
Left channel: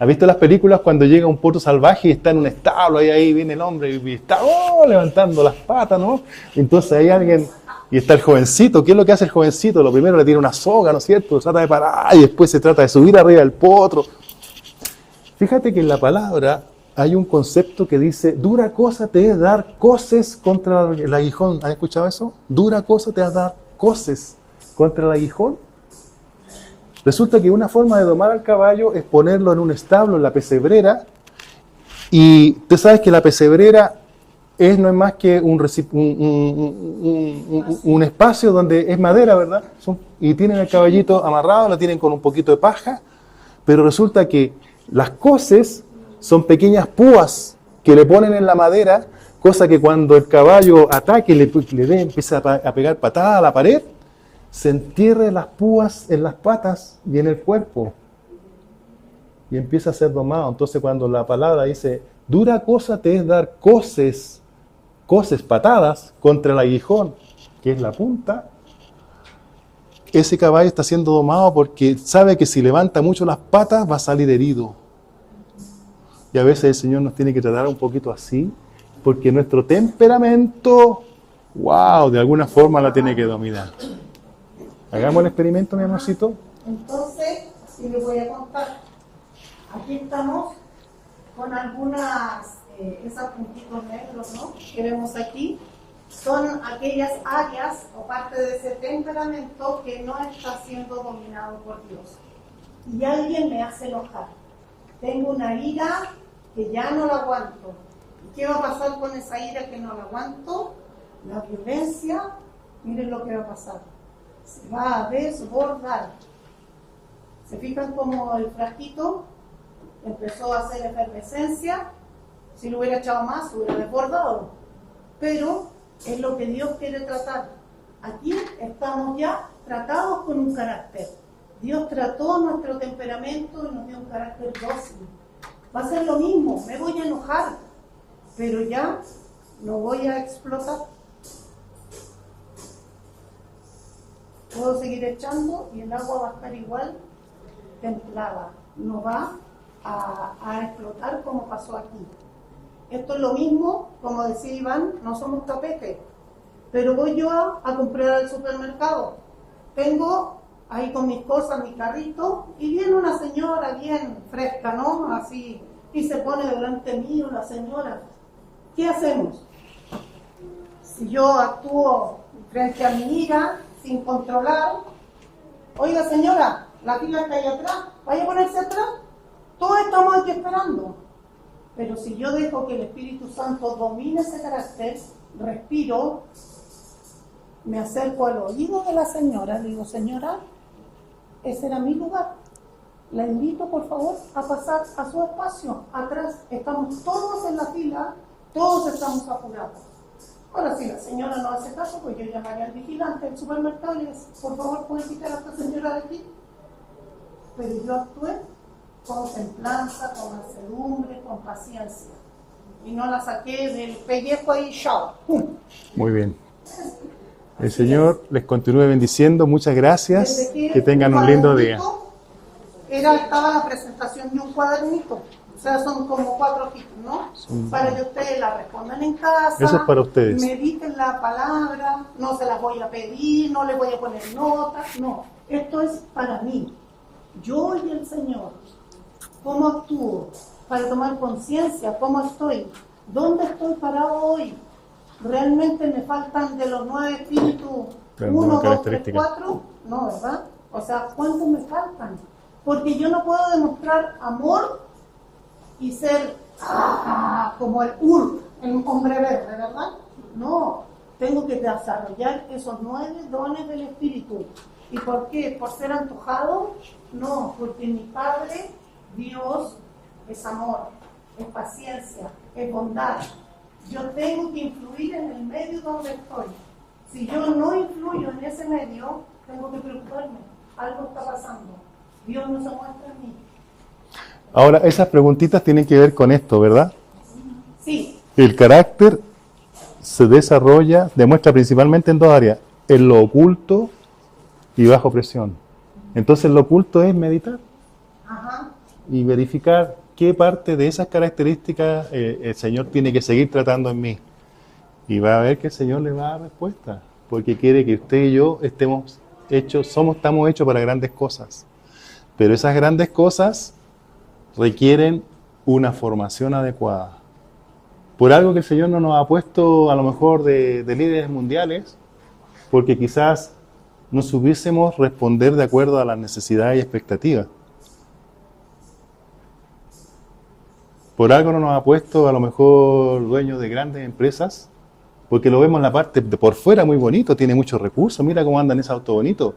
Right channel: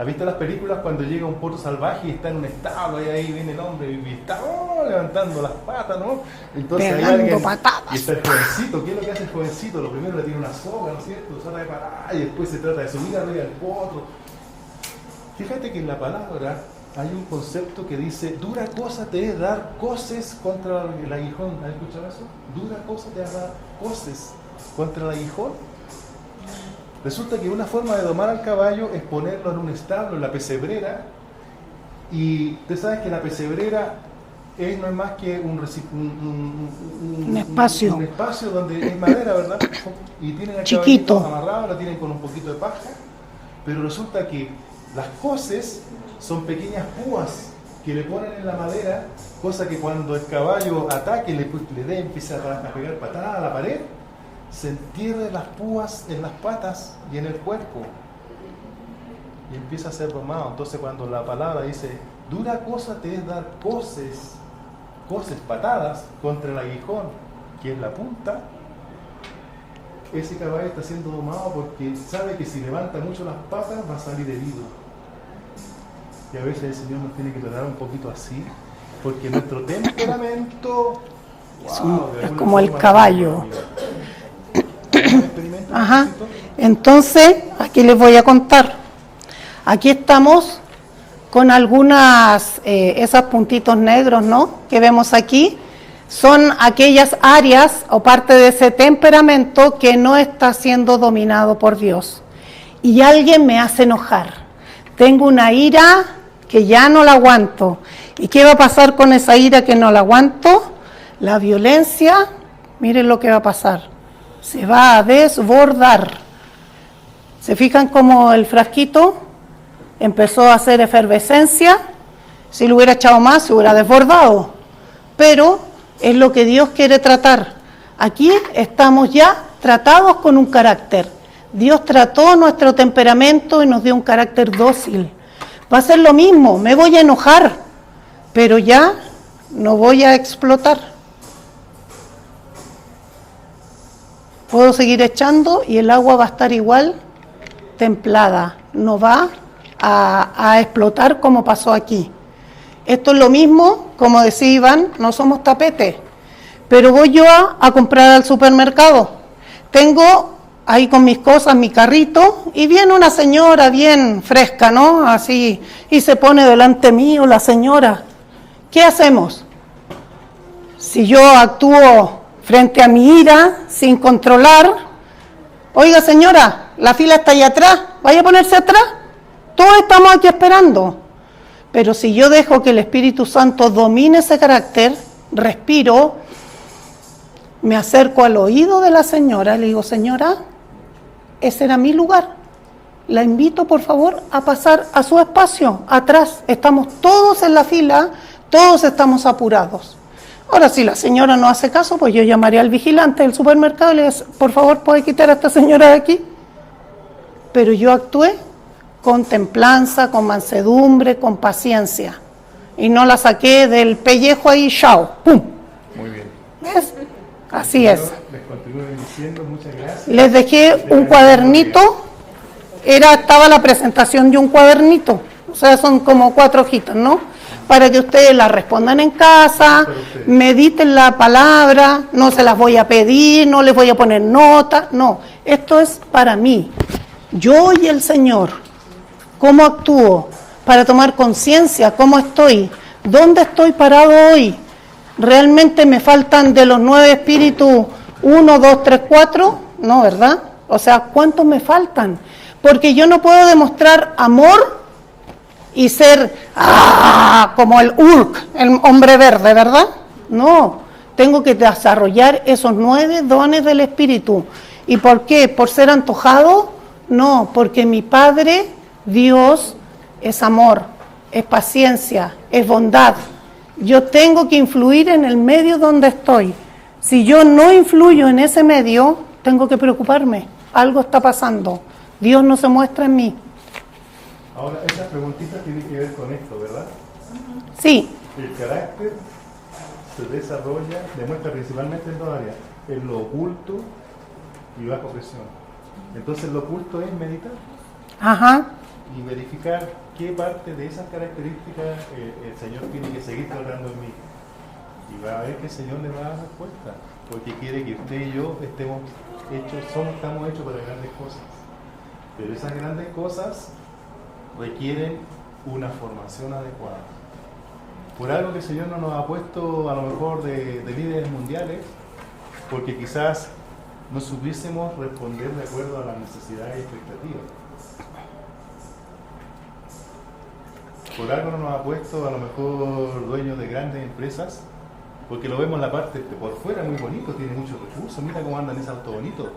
¿Has visto las películas cuando llega un potro salvaje y está en un establo, ahí viene el hombre y está levantando las patas, ¿no? Entonces hay alguien, y está el jovencito. ¿Qué es lo que hace el jovencito? Lo primero le tira una soga, ¿no es cierto? Trata de parar y después se trata de subir arriba del potro. Fíjate que en la palabra hay un concepto que dice, dura cosa te es dar coces contra el aguijón. ¿Has escuchado eso? Dura cosa te es dar coces contra el aguijón. Resulta que una forma de domar al caballo es ponerlo en un establo, en la pesebrera, y tú sabes que la pesebrera no es más que un espacio donde es madera, ¿verdad? Y tienen el caballito amarrado, lo tienen con un poquito de paja, pero resulta que las coces son pequeñas púas que le ponen en la madera, cosa que cuando el caballo ataque, empieza a pegar patada a la pared, se entierre las púas en las patas y en el cuerpo y empieza a ser domado. Entonces cuando la palabra dice, dura cosa te es dar coces, patadas contra el aguijón, que es la punta, ese caballo está siendo domado porque sabe que si levanta mucho las patas va a salir herido. Y a veces el Señor nos tiene que tratar un poquito así, porque nuestro temperamento, de alguna forma no tiene que dominar. ¿Hagamos el experimento? Entonces, aquí les voy a contar. Aquí estamos con algunas, esos puntitos negros, ¿no? Que vemos aquí. Son aquellas áreas o parte de ese temperamento que no está siendo dominado por Dios. Y alguien me hace enojar. Tengo una ira que ya no la aguanto. ¿Y qué va a pasar con esa ira que no la aguanto? La violencia, miren lo que va a pasar. Se va a desbordar. ¿Se fijan cómo el frasquito empezó a hacer efervescencia? Si lo hubiera echado más, se hubiera desbordado. Pero es lo que Dios quiere tratar. Aquí estamos ya tratados con un carácter. Dios trató nuestro temperamento y nos dio un carácter dócil. Va a ser lo mismo, me voy a enojar, pero ya no voy a explotar. Puedo seguir echando y el agua va a estar igual templada, no va a explotar como pasó aquí. Esto es lo mismo, como decía Iván, no somos tapetes, pero voy yo a comprar al supermercado. Tengo ahí con mis cosas mi carrito y viene una señora bien fresca, ¿no? Así, y se pone delante mío la señora. ¿Qué hacemos? Si yo actúo frente a mi ira, sin controlar, oiga señora, la fila está allá atrás, vaya a ponerse atrás, todos estamos aquí esperando. Pero si yo dejo que el Espíritu Santo domine ese carácter, respiro, me acerco al oído de la señora y le digo, señora, ese era mi lugar, la invito por favor a pasar a su espacio, atrás, estamos todos en la fila, todos estamos apurados. Ahora, si la señora no hace caso, pues yo llamaré al vigilante del supermercado y le digo, por favor, ¿puede quitar a esta señora de aquí? Pero yo actué con templanza, con mansedumbre, con paciencia. Y no la saqué del pellejo ahí, chao, ¡pum! Muy bien. ¿Ves? Así el Señor les continúe bendiciendo, muchas gracias. Les dejé un cuadernito estaba la presentación de un cuadernito. O sea, son como 4 hojitas, ¿no? Para que ustedes la respondan en Eso casa, es para ustedes. mediten la palabra, no se las voy a pedir, no les voy a poner nota, no. Esto es para mí. Yo y el Señor. ¿Cómo actúo? Para tomar conciencia, ¿cómo estoy? ¿Dónde estoy parado hoy? ¿Realmente me faltan de los 9 espíritus 1, 2, 3, 4? No, ¿verdad? O sea, ¿cuántos me faltan? Porque yo no puedo demostrar amor y ser como el Hulk, el hombre verde, ¿verdad? No, tengo que desarrollar esos 9 dones del Espíritu. ¿Y por qué? ¿Por ser antojado? No, porque mi Padre, Dios, es amor, es paciencia, es bondad. Yo tengo que influir en el medio donde estoy. Si yo no influyo en ese medio, tengo que preocuparme. Algo está pasando. Dios no se muestra en mí. Ahora, esas preguntitas tienen que ver con esto, ¿verdad? Sí, El carácter se desarrolla, demuestra principalmente en 2 áreas, en lo oculto y bajo presión. Entonces lo oculto es meditar ajá, y verificar qué parte de esas características el Señor tiene que seguir tratando en mí. Y va a ver que el Señor le da respuesta, porque quiere que usted y yo estamos hechos para grandes cosas. Pero esas grandes cosas requieren una formación adecuada. Por algo que el Señor no nos ha puesto a lo mejor de líderes mundiales, porque quizás no supiésemos responder de acuerdo a las necesidades y expectativas. Por algo no nos ha puesto a lo mejor dueños de grandes empresas, porque lo vemos en la parte de por fuera muy bonito, tiene muchos recursos, mira cómo anda en ese auto bonito,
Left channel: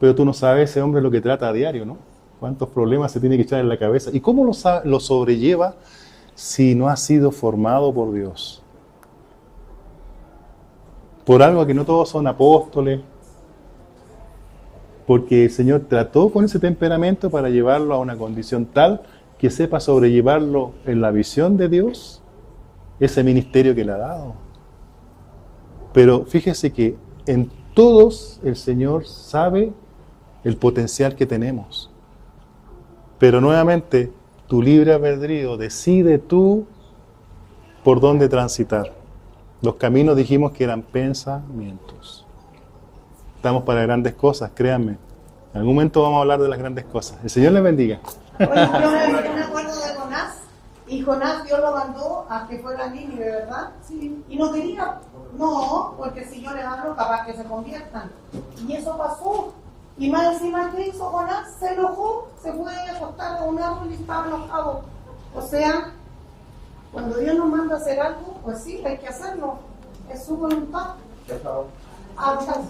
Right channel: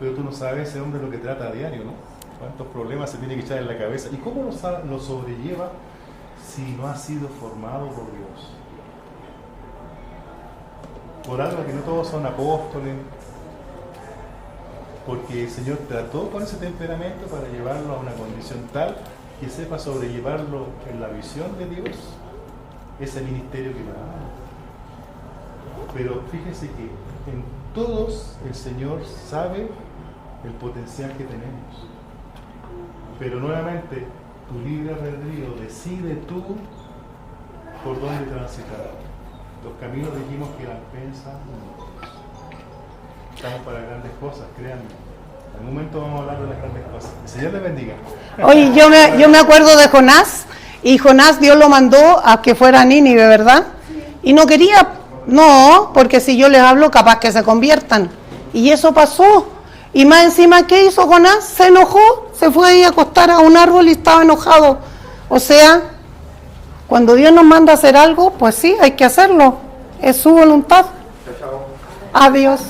pero tú no sabes ese hombre lo que trata a diario, ¿no? Cuántos problemas se tiene que echar en la cabeza y cómo lo sobrelleva si no ha sido formado por Dios. Por algo que no todos son apóstoles, porque el Señor trató con ese temperamento para llevarlo a una condición tal que sepa sobrellevarlo en la visión de Dios, ese ministerio que le ha dado. Pero fíjese que en todos el Señor sabe el potencial que tenemos. Pero nuevamente, tu libre albedrío, decide tú por dónde transitar. Los caminos dijimos que eran pensamientos. Estamos para grandes cosas, créanme. En algún momento vamos a hablar de las grandes cosas. El Señor les bendiga. Oye, yo me acuerdo de Jonás, y Jonás Dios lo mandó a que fuera a Nínive, ¿verdad? Y no quería, no, porque si yo les hablo, capaz que se conviertan. Y eso pasó. Y más encima, ¿qué hizo Jonás? Se enojó, se fue ahí a acostar a un árbol y estaba enojado. O sea, cuando Dios nos manda a hacer algo, pues sí, hay que hacerlo. Es su voluntad. Adiós.